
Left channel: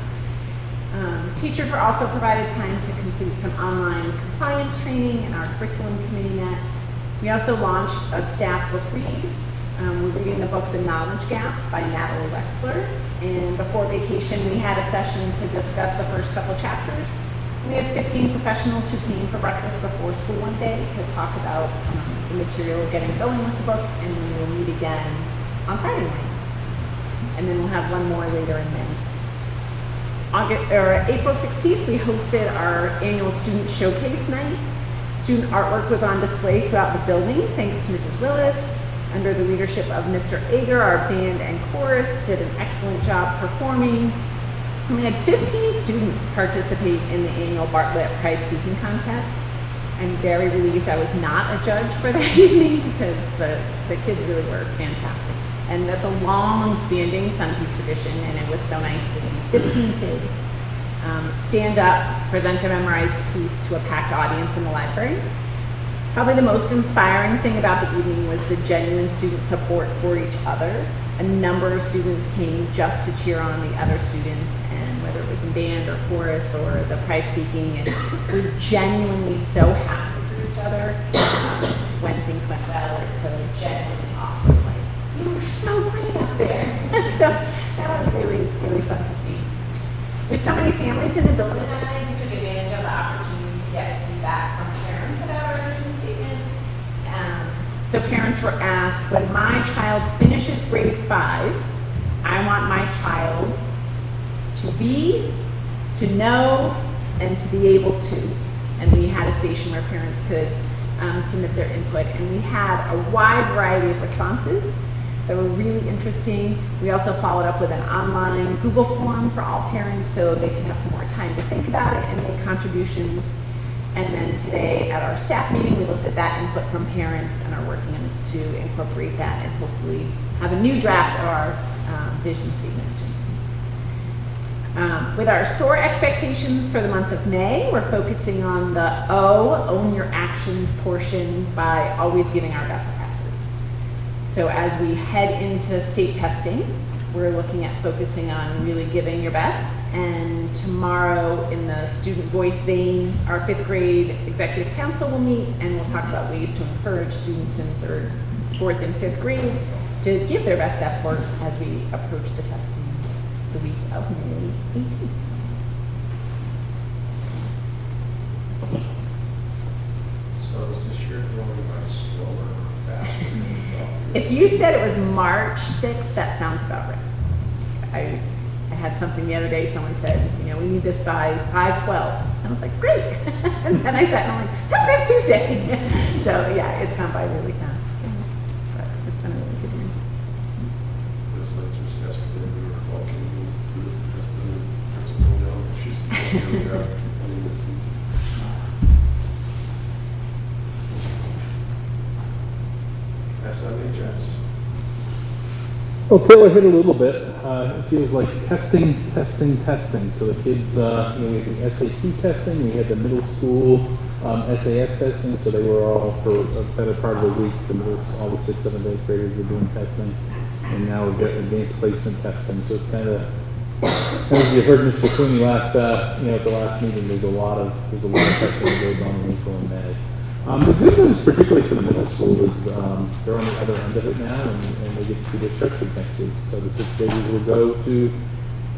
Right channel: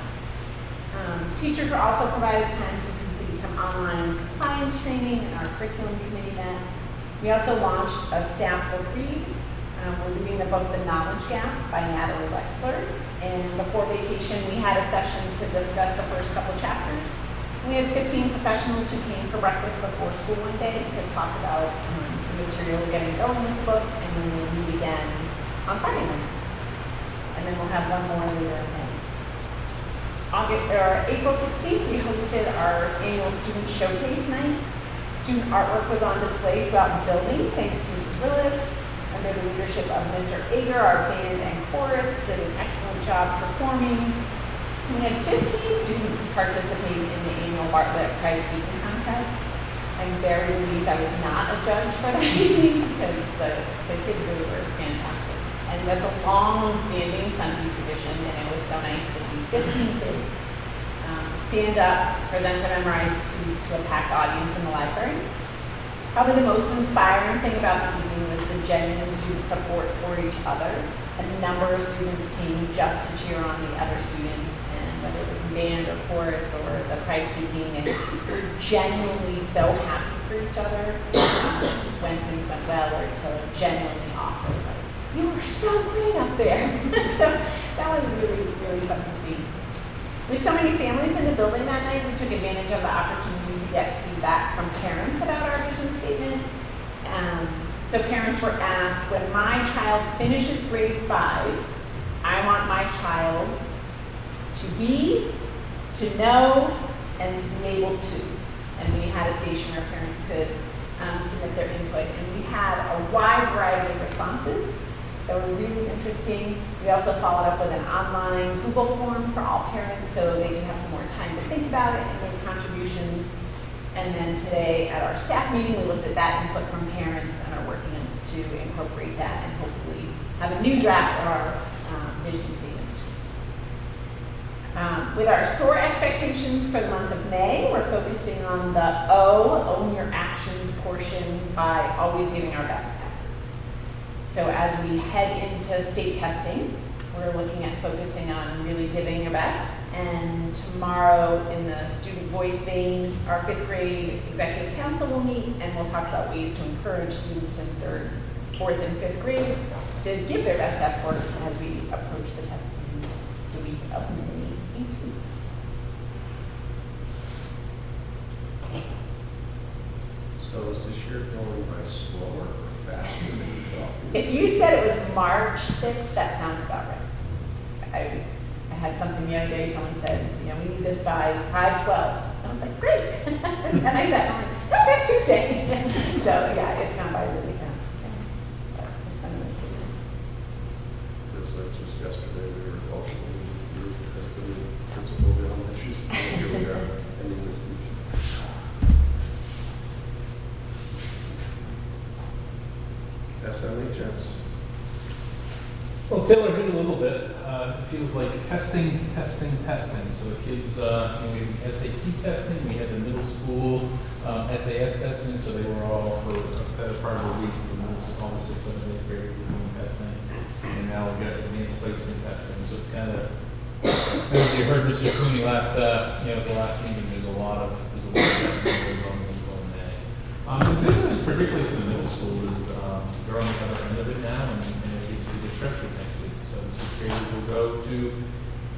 Teachers were also provided time to complete some online compliance training, and our curriculum committee met. We also launched a staff book reading. We're reading the book The Knowledge Gap by Natalie Wexler. And before vacation, we had a session to discuss the first couple chapters. We had 15 professionals who came for breakfast before school one day to talk about the material getting going with the book, and then we'll meet again on Friday night. And then we'll have one more later in May. April 16th, we hosted our annual student showcase night. Student artwork was on display throughout the building, thanks to Mrs. Willis. Under the leadership of Mr. Ager, our band and chorus did an excellent job performing. We had 15 students participate in the annual Bartlett Prize Speaking Contest. I'm very relieved I was not a judge for that evening because the kids really were fantastic. And that's a long-standing Sunday tradition, and it was so nice to see 15 kids stand up, present a memorized piece to a packed audience in the library. Probably the most inspiring thing about the evening was the genuine student support for each other. A number of students came just to cheer on the other students, and whether it was the band or chorus or the prize speaking, and we're genuinely so happy for each other when things went well, or to genuinely offer, like, you were so great up there. So that was really, really fun to see. With so many families in the building that night, we took advantage of the opportunity to get feedback from parents about our vision statement. So parents were asked, when my child finishes grade 5, I want my child to be, to know, and to be able to. And we had a station where parents could submit their input. And we had a wide variety of responses that were really interesting. We also followed up with an online Google form for all parents so they could have some more time to think about it and make contributions. And then today at our staff meeting, we looked at that input from parents and are working to incorporate that and hopefully have a new draft of our vision statements. With our SOAR expectations for the month of May, we're focusing on the own your actions portion by always giving our best effort. So as we head into state testing, we're looking at focusing on really giving your best. And tomorrow in the student voice vein, our 5th grade executive council will meet, and we'll talk about ways to encourage students in 3rd, 4th, and 5th grade to give their best effort as we approach the testing the week of May 18th. So is this year going by slower or If you said it was March 6th, that sounds about right. I had something the other day, someone said, you know, we need this by 5/12. I was like, great. And then I said, that's next Tuesday. So yeah, it's not by really fast. But it's kind of really good. Just like just yesterday, we were walking through the principal down, and she's ending the season. SMHS. Well, Taylor hit a little bit. It feels like testing. So the kids, you know, we had SAT testing, we had the middle school SAS testing, so they were all for a better part of the week. All the 6th, 7th, 8th graders were doing testing, and now we're getting advanced placement testing. So it's kind of, as you heard Mr. Cooney last, you know, at the last meeting, there's a lot of testing that goes on in April and May. The good news, particularly for the middle school, is they're on the other end of it now, and they get to see their structure next week. So the 6th graders will go to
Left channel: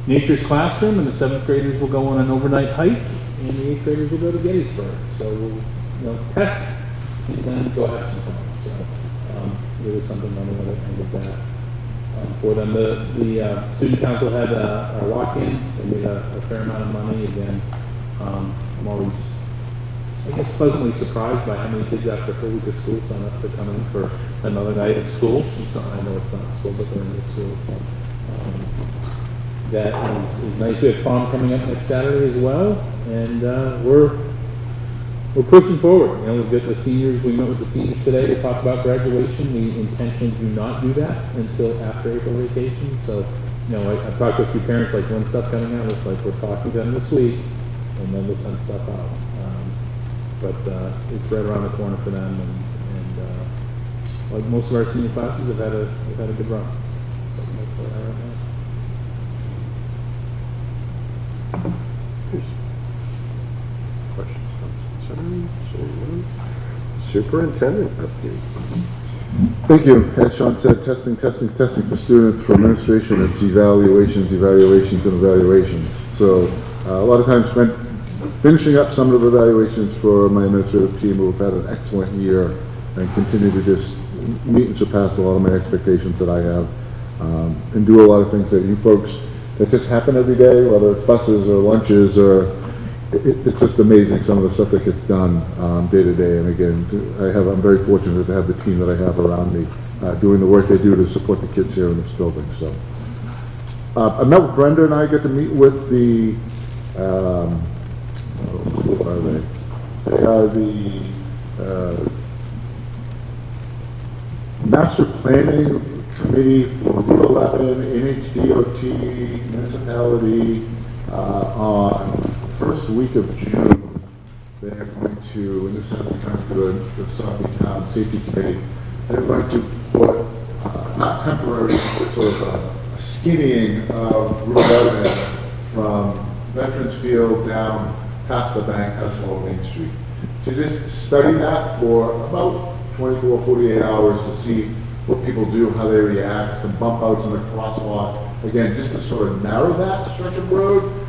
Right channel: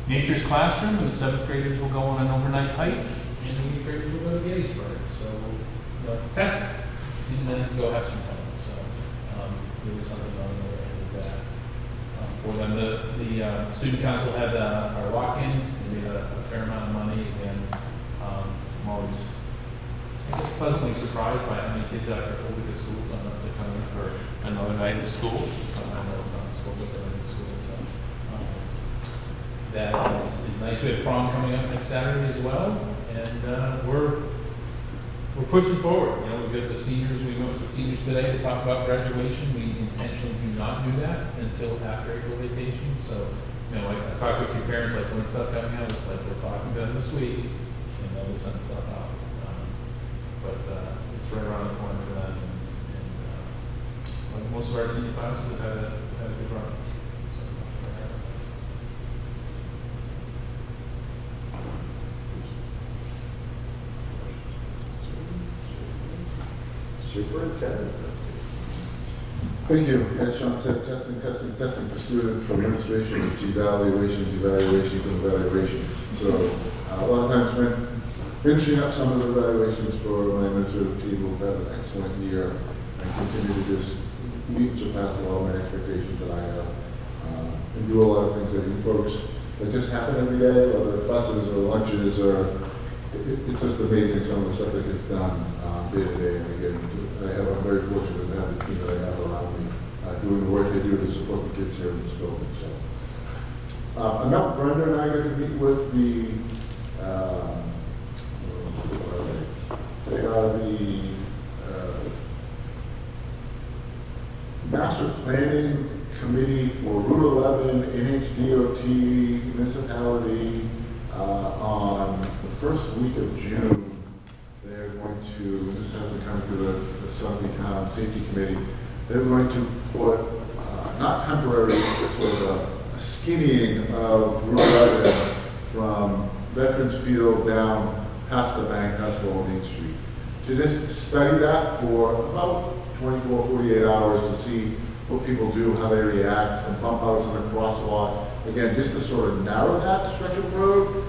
Nature's Classroom, and the 7th graders will go on an overnight hike, and the 8th graders will go to Gettysburg. So we'll, you know, test and then go have some fun. So there was something on the end of that. For them, the student council had a lock-in. They made a fair amount of money. Again, I'm always, I guess, pleasantly surprised by how many kids after a full week of school sign up to come in for another night of school. It's not, I know it's not school, but they're in the school. So that is nice. We have prom coming up next Saturday as well, and we're pushing forward. You know, we've got the seniors. We met with the seniors today to talk about graduation. We intentionally do not do that until after April vacation. So, you know, I've talked to a few parents, like, when stuff coming out, it's like we're talking to them this week, and then we'll send stuff out. But it's right around the corner for them, and like most of our senior classes have had a good run. Superintendent. Thank you. As Sean said, testing for students, for administration, it's evaluations, and evaluations. So a lot of times spent finishing up some of the evaluations for my administrative team, who've had an excellent year and continue to just meet and surpass a lot of my expectations that I have, and do a lot of things that you folks, that just happen every day, whether it's buses or lunches or it's just amazing some of the stuff that gets done day to day. And again, I'm very fortunate to have the team that I have around me doing the work they do to support the kids here in this building. So I met with Brenda, and I get to meet with the who are they? They are the Master Planning Committee for Route 11, NHDOT, municipality. On the first week of June, they're going to, this has to come to the Southie Town Safety Committee, they're going to put, not temporary, sort of a skinnying of Route 11 from Veterans Field down past the bank, past Lower Main Street. To just study that for about 24, 48 hours to see what people do, how they react, some bump outs in the crosswalk. Again, just to sort of narrow that stretch of road.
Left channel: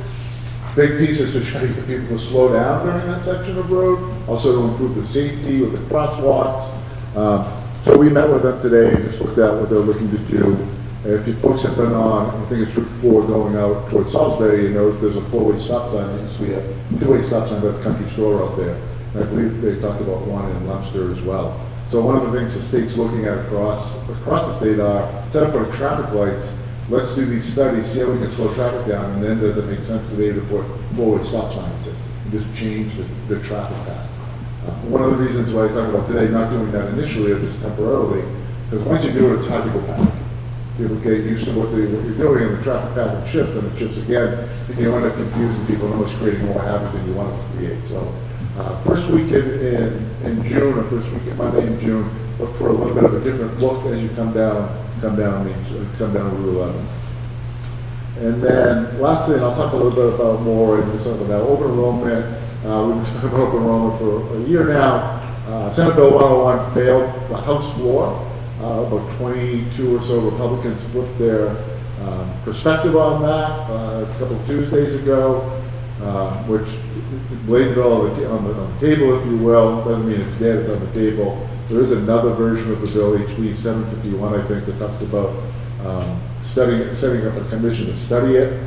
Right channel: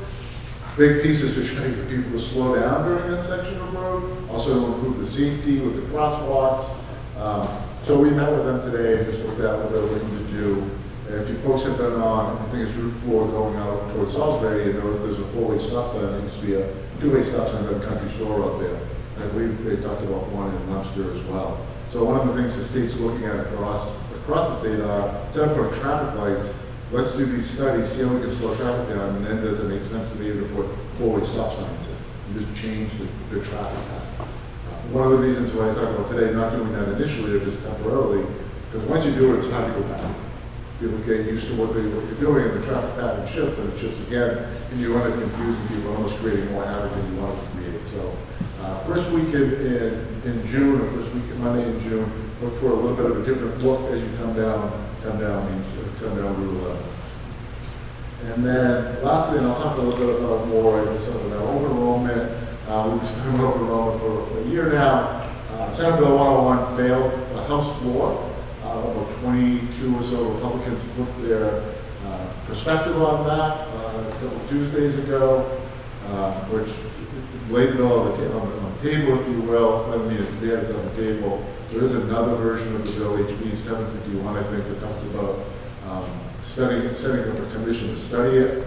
Big piece is to try to get people to slow down during that section of road, also to improve the safety with the crosswalks. So we met with them today and just looked at what they're looking to do. If you folks have been on, I think it's Route 4 going out towards Salisbury, you notice there's a 4-way stop sign. There used to be a 2-way stop sign by the country store out there. And I believe they talked about one in Leominster as well. So one of the things the state's looking at across the state are, instead of putting traffic lights, let's do these studies, see how we can slow traffic down, and then does it make sense today to put 4-way stop signs in? Just change the traffic path. One of the reasons why I talked about today not doing that initially or just temporarily, because once you do it, it's hard to go back. People get used to what you're doing, and the traffic pattern shifts, and it shifts again, and you end up confusing people and almost creating more havoc than you want to create. So first week in June, or first week Monday in June, look for a little bit of a different look as you come down Route 11. And then lastly, and I'll talk a little bit about more and some of that open enrollment. We've been open enrollment for a year now. Senate Bill 101 failed the House floor. About 22 or so Republicans flipped their perspective on that a couple of Tuesdays ago, which laid the bill on the table, if you will. Doesn't mean it's dead, it's on the table. There is another version of the bill, HB 751, I think, that talks about setting up a commission to study it.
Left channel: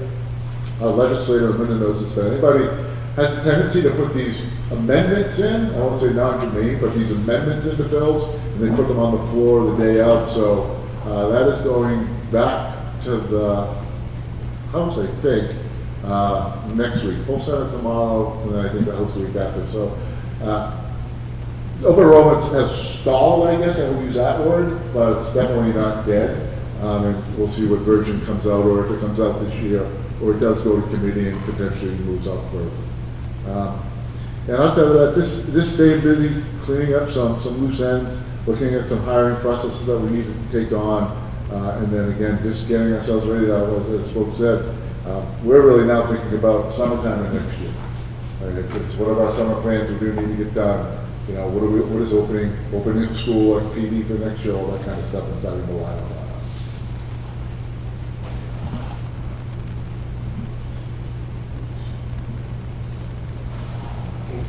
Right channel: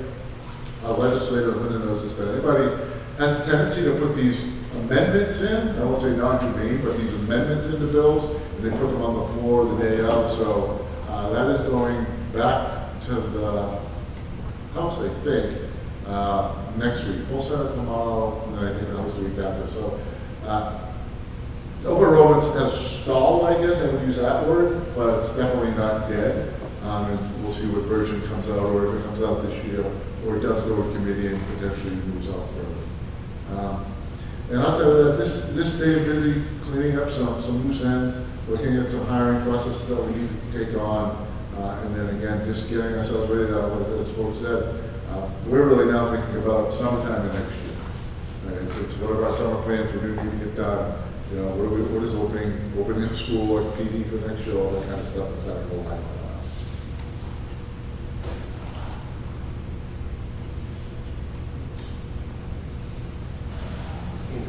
Legislator Linda knows this, but anybody has a tendency to put these amendments in, I won't say non-germane, but these amendments into bills, and they put them on the floor the day of. So that is going back to the House, I think, next week. Full Senate tomorrow, and then I think the House the week after. So open enrollment has stalled, I guess, I would use that word, but it's definitely not dead. And we'll see what version comes out, or if it comes out this year, or it does go to committee and potentially moves out further. And outside of that, just staying busy, cleaning up some loose ends, looking at some hiring processes that we need to take on, and then again, just getting ourselves ready to, as folks said, we're really now thinking about summertime and next year. And it's one of our summer plans we're gonna need to get done. You know, what is opening up school, like PD for next year, all that kind of stuff, and starting to line on.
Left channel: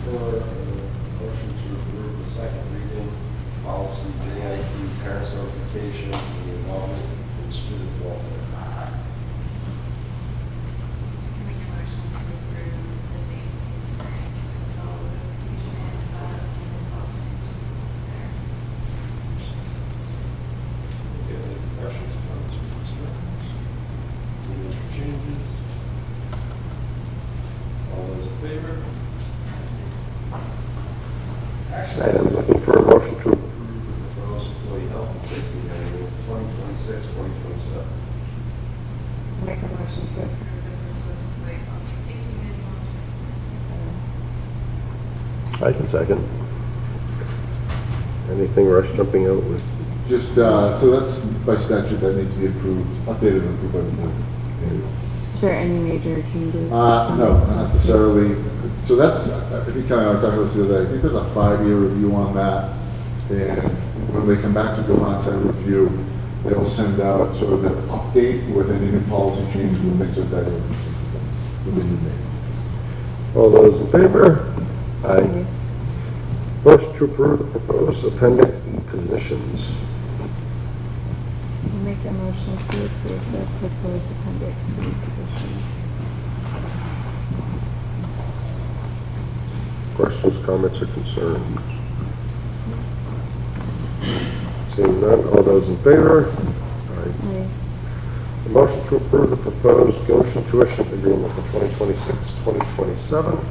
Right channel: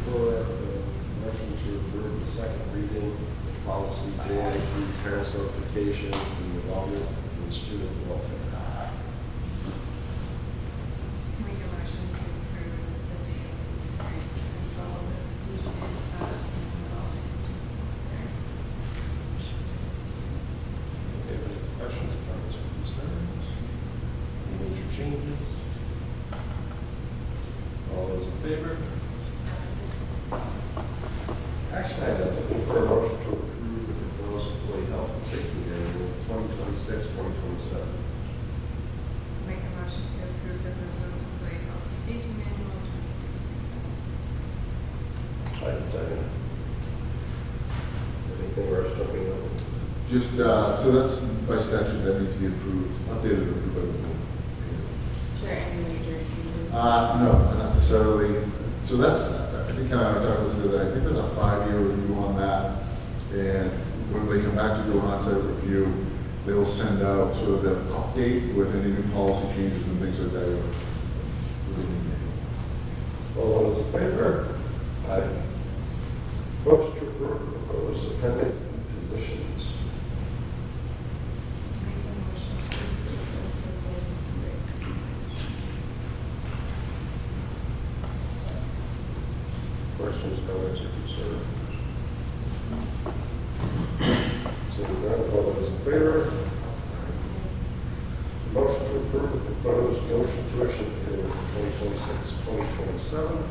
For a motion to approve the second reading policy JIP parents notification, the involvement in student welfare. Make a motion to approve the date and all the involvement in student welfare. Do you have any questions, comments, or concerns? Any major changes? All those in favor? Action item, looking for a motion to approve the proposed employee health and safety manual 2026-2027. Make a motion to approve the proposed employee health and safety manual 2627. I can second. Anything Rush jumping out with? Just, so that's by statute that needs to be approved, updated and approved by the board. Is there any major changes? No, not necessarily. So that's, I think kind of talking about this the other day, I think there's a 5-year review on that. And when they come back to do an on-site review, they will send out sort of the update with any new policy changes and things like that. All those in favor? Aye. Motion to approve the proposed appendix E positions. Make a motion to approve the proposed appendix C positions. Questions, comments, or concerns? Seeing none, all those in favor? Aye. Aye. Motion to approve the proposed Goshen tuition agreement for 2026-2027.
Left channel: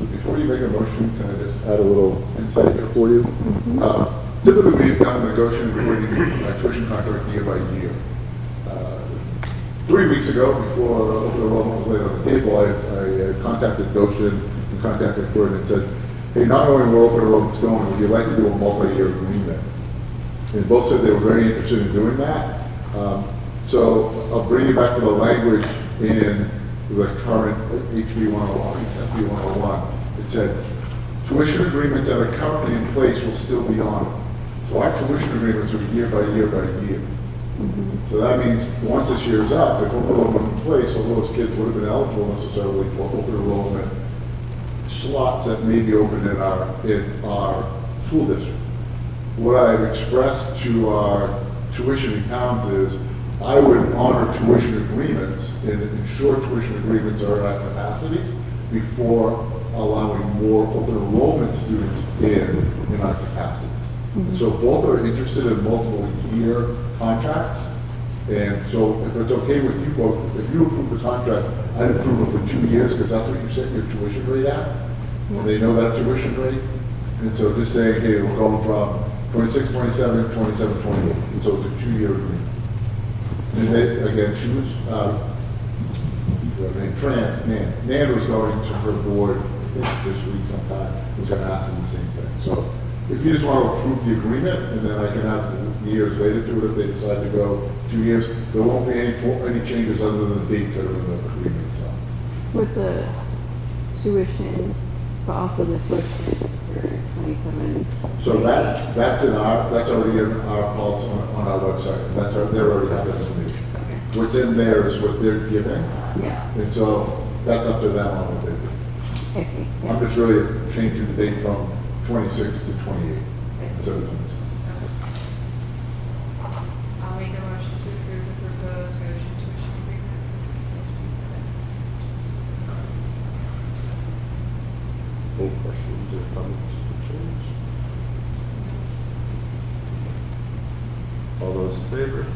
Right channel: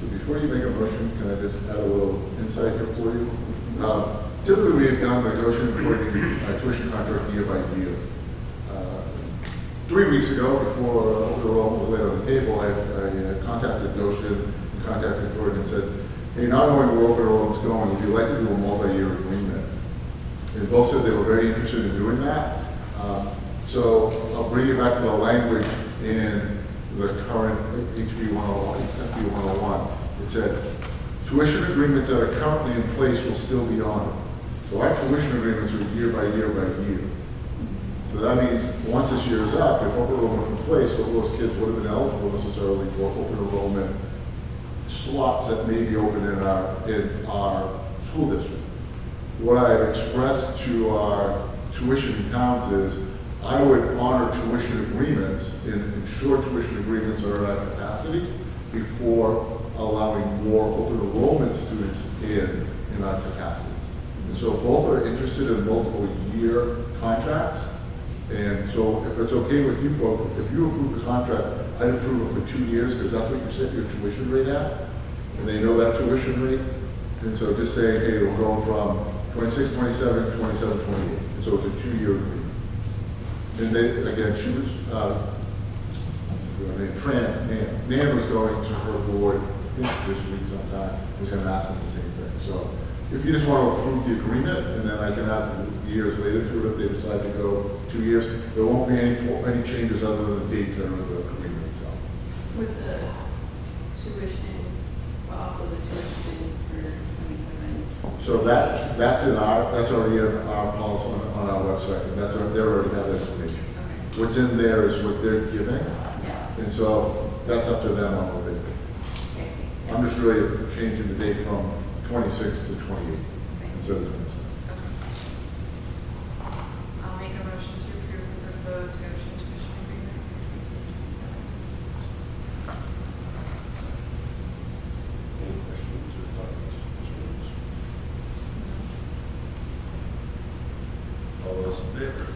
So before you make a motion, can I just add a little insight here for you? Typically, we've done the Goshen tuition contract year by year. 3 weeks ago, before the enrollment was laid on the table, I contacted Goshen and contacted Gordon and said, hey, not only where open enrollment's going, would you like to do a multi-year agreement? And both said they were very interested in doing that. So I'll bring you back to the language in the current HB 101, SB 101. It said, tuition agreements that are currently in place will still be honored. So our tuition agreements are year by year by year. So that means once this year's up, if open enrollment in place, all those kids would have been eligible necessarily for open enrollment slots that may be open in our school district. What I've expressed to our tuition towns is I would honor tuition agreements and ensure tuition agreements are at capacities before allowing more open enrollment students in our capacities. And so both are interested in multiple year contracts. And so if it's okay with you folks, if you approve the contract, I'd approve it for 2 years because that's what you set your tuition rate at. And they know that tuition rate. And so just saying, hey, we're going from 26, 27, 27, 28. And so it's a 2-year agreement. And they, again, she was, Nan was going to her board, I think this week sometime, was going to ask them the same thing. So if you just want to approve the agreement, and then I can add years later to it if they decide to go 2 years, there won't be any changes other than the dates that are in the agreement itself. With the tuition, but also the tuition for 27. So that's already in our policy on our website. They already have that information. Okay. What's in there is what they're giving. Yeah. And so that's up to them on what they do. I see. I'm just really changing the date from 26 to 28 instead of 27. I'll make a motion to approve the proposed Goshen tuition agreement for 26-27. Any questions or comments? Concerns? All those in favor?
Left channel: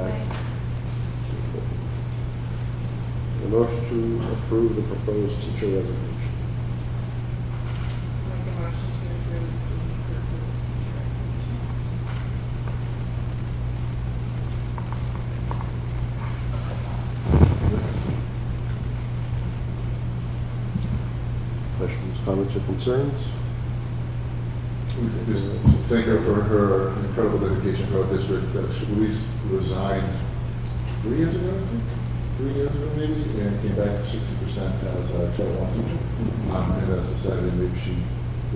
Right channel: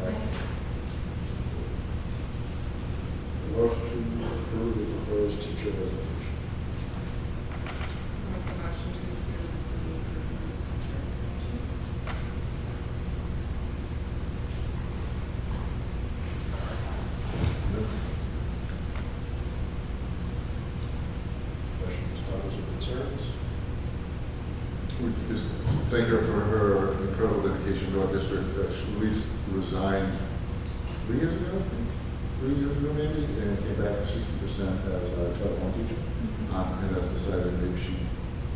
Aye. The motion to approve the proposed teacher resignation. Make a motion to approve the proposed teacher resignation. Questions, comments, or concerns? We just thank her for her incredible dedication to our district. Louise resigned 3 years ago, I think. 3 years ago, maybe, and came back 60% as a Title I teacher. And has decided maybe she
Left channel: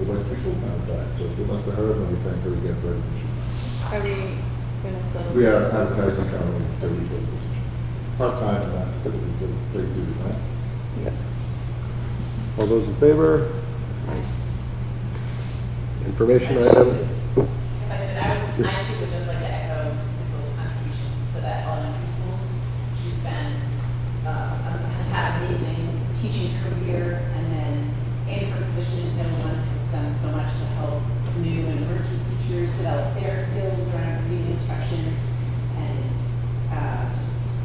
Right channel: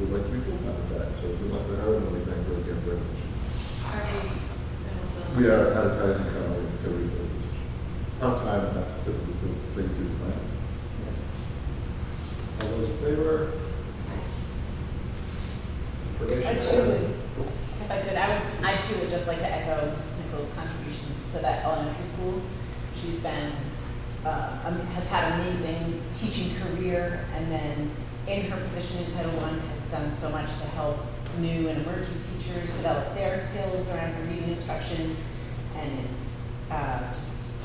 would like to be full-time with that. So good luck to her, and we thank her again for everything she's done. Are we gonna fill? We are advertising currently to refill the position. Part-time, and that's typically the way to do the plan. All those in favor? Information item. If I could, I too would just like to echo Mrs. Nichols' contributions to that elementary school. She's been, has had an amazing teaching career, and then in her position in Title I has done so much to help new and emerging teachers develop their skills around reading instruction, and is just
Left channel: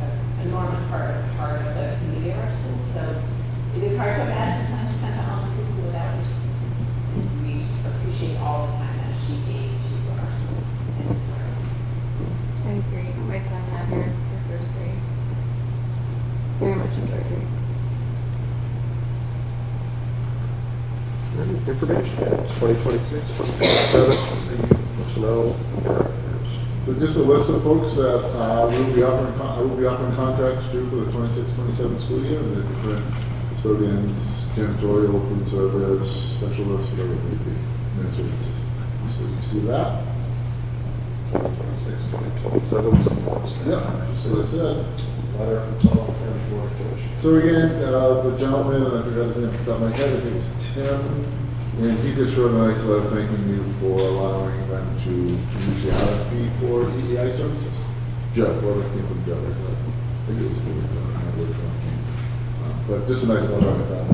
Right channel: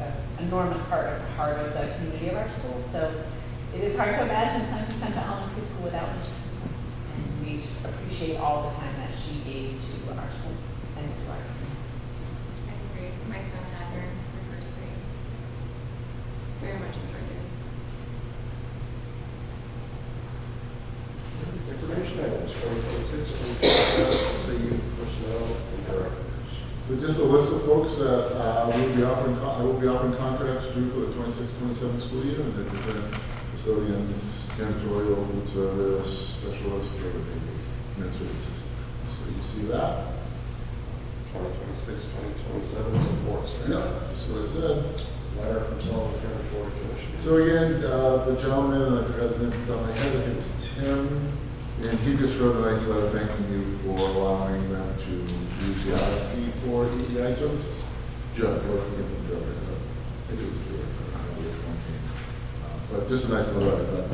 an enormous part of the community of our school. So it is hard to imagine Central Elementary School without her. We just appreciate all the time that she gave to our school and to our community. I agree. My son had her for first grade. Very much enjoyed her. Information items, 2026, 2027, SAU personnel and directors. So just a list of folks that we will be offering, I will be offering contracts to for the 26-27 school year, and the different custodians, janitorial, food service, specialists, whatever it may be, administrative assistant. So you see that? 2026, 2027 support staff. Yeah, that's what I said. Letter from Sullivan County Board of Commissioners. So again, the gentleman, and I forgot his name off the top of my head, I think it was Tim, and he just wrote a nice letter thanking you for allowing them to use the RFP for EEI services. Joe, well, that came from Joe, I think it was Joe, I don't remember which one came. But just a nice letter, I thought,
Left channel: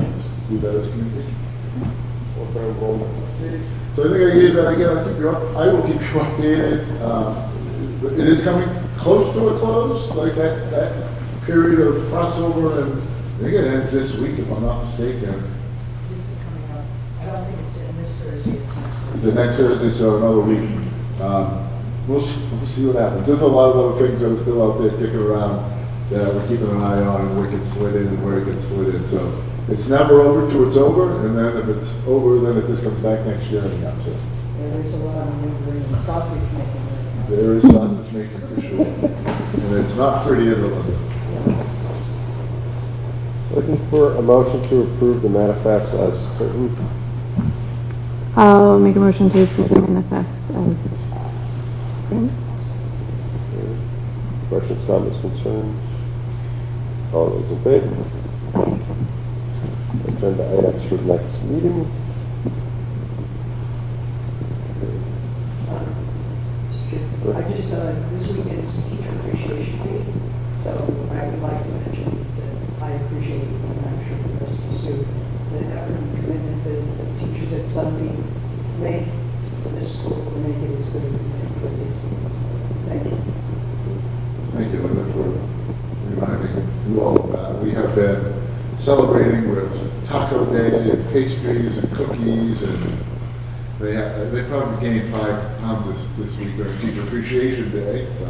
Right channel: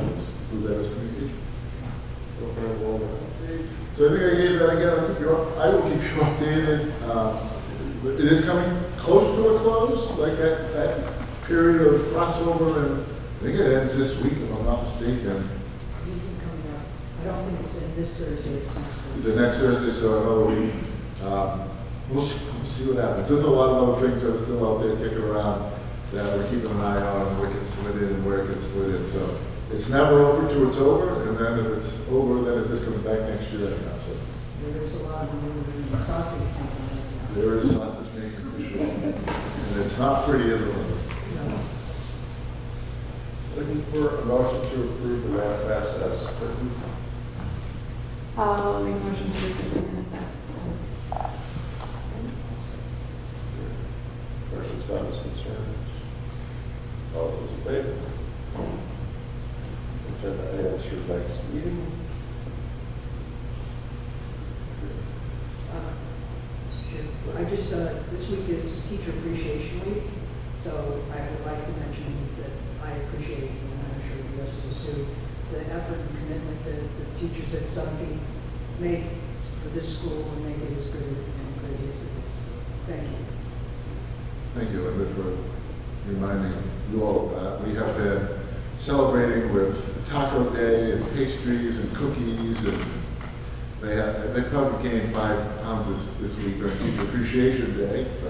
who that is communication. Open enrollment update. So I think I gave that again, I will keep you updated. It is coming close to a close, like that period of crossover, and I think it ends this week, if I'm not mistaken. Is it coming up? I don't think it's in this Thursday, it's next Thursday. It's the next Thursday, so another week. We'll see what happens. There's a lot of other things that are still out there kicking around that we're keeping an eye on, and where it gets slid in and where it gets slid in. So it's never over till it's over, and then if it's over, then it just comes back next year anyhow. So Yeah, there's a lot of maneuvering, sausage making right now. there is sausage making for sure. And it's not pretty, is it, Linda? Looking for a motion to approve the manifest as written. I'll make a motion to approve the manifest as written. Questions, comments, concerns? All those in favor? Agenda items for the next meeting. I just, this week is Teacher Appreciation Week, so I would like to mention that I appreciate, and I'm sure the rest of us do, the effort and commitment that the teachers at Sunbeam make for this school and make it as good as it is. Thank you. Thank you, Linda, for reminding you all of that. We have been celebrating with Taco Day and pastries and cookies, and they probably gained 5 pounds this week during Teacher Appreciation Day. So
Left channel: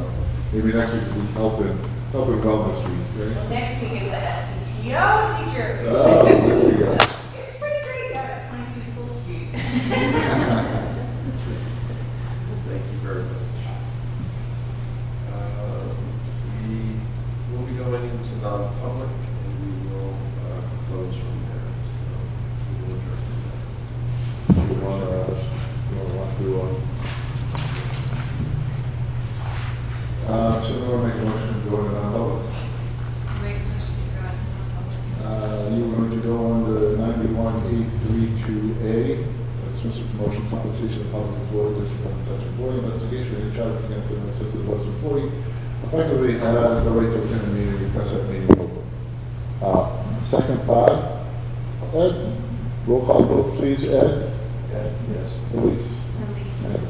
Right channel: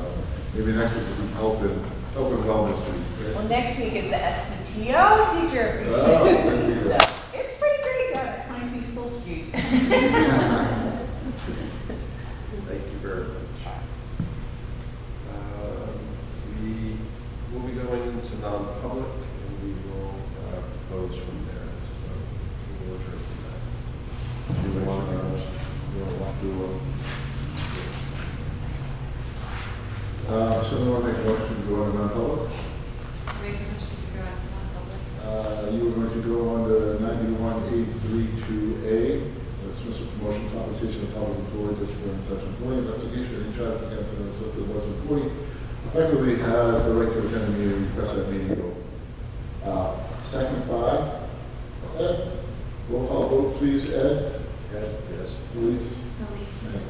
maybe next week will be Health and Wellness Week, Well, right? next week is the SPTO teacher. Oh, there we go. So it's pretty great down at 22 School Street. Thank you very much. We will be going into non-public, and we will close from there. So we will adjourn from that. Do you want to walk through one? Someone make a motion to go into non-public? Make a motion to go into non-public. You were going to go promotion, compensation of public employee, discipline, and such employee investigation, any charges against an assisted West employee, effectively has the right to attend a meeting, request that meeting. Second by Ed. Roll call vote, please, Ed. Ed, yes. Elise. Elise. Ed.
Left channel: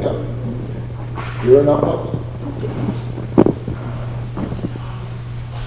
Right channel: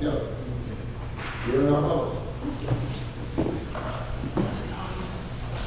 Yeah. You're a non-public.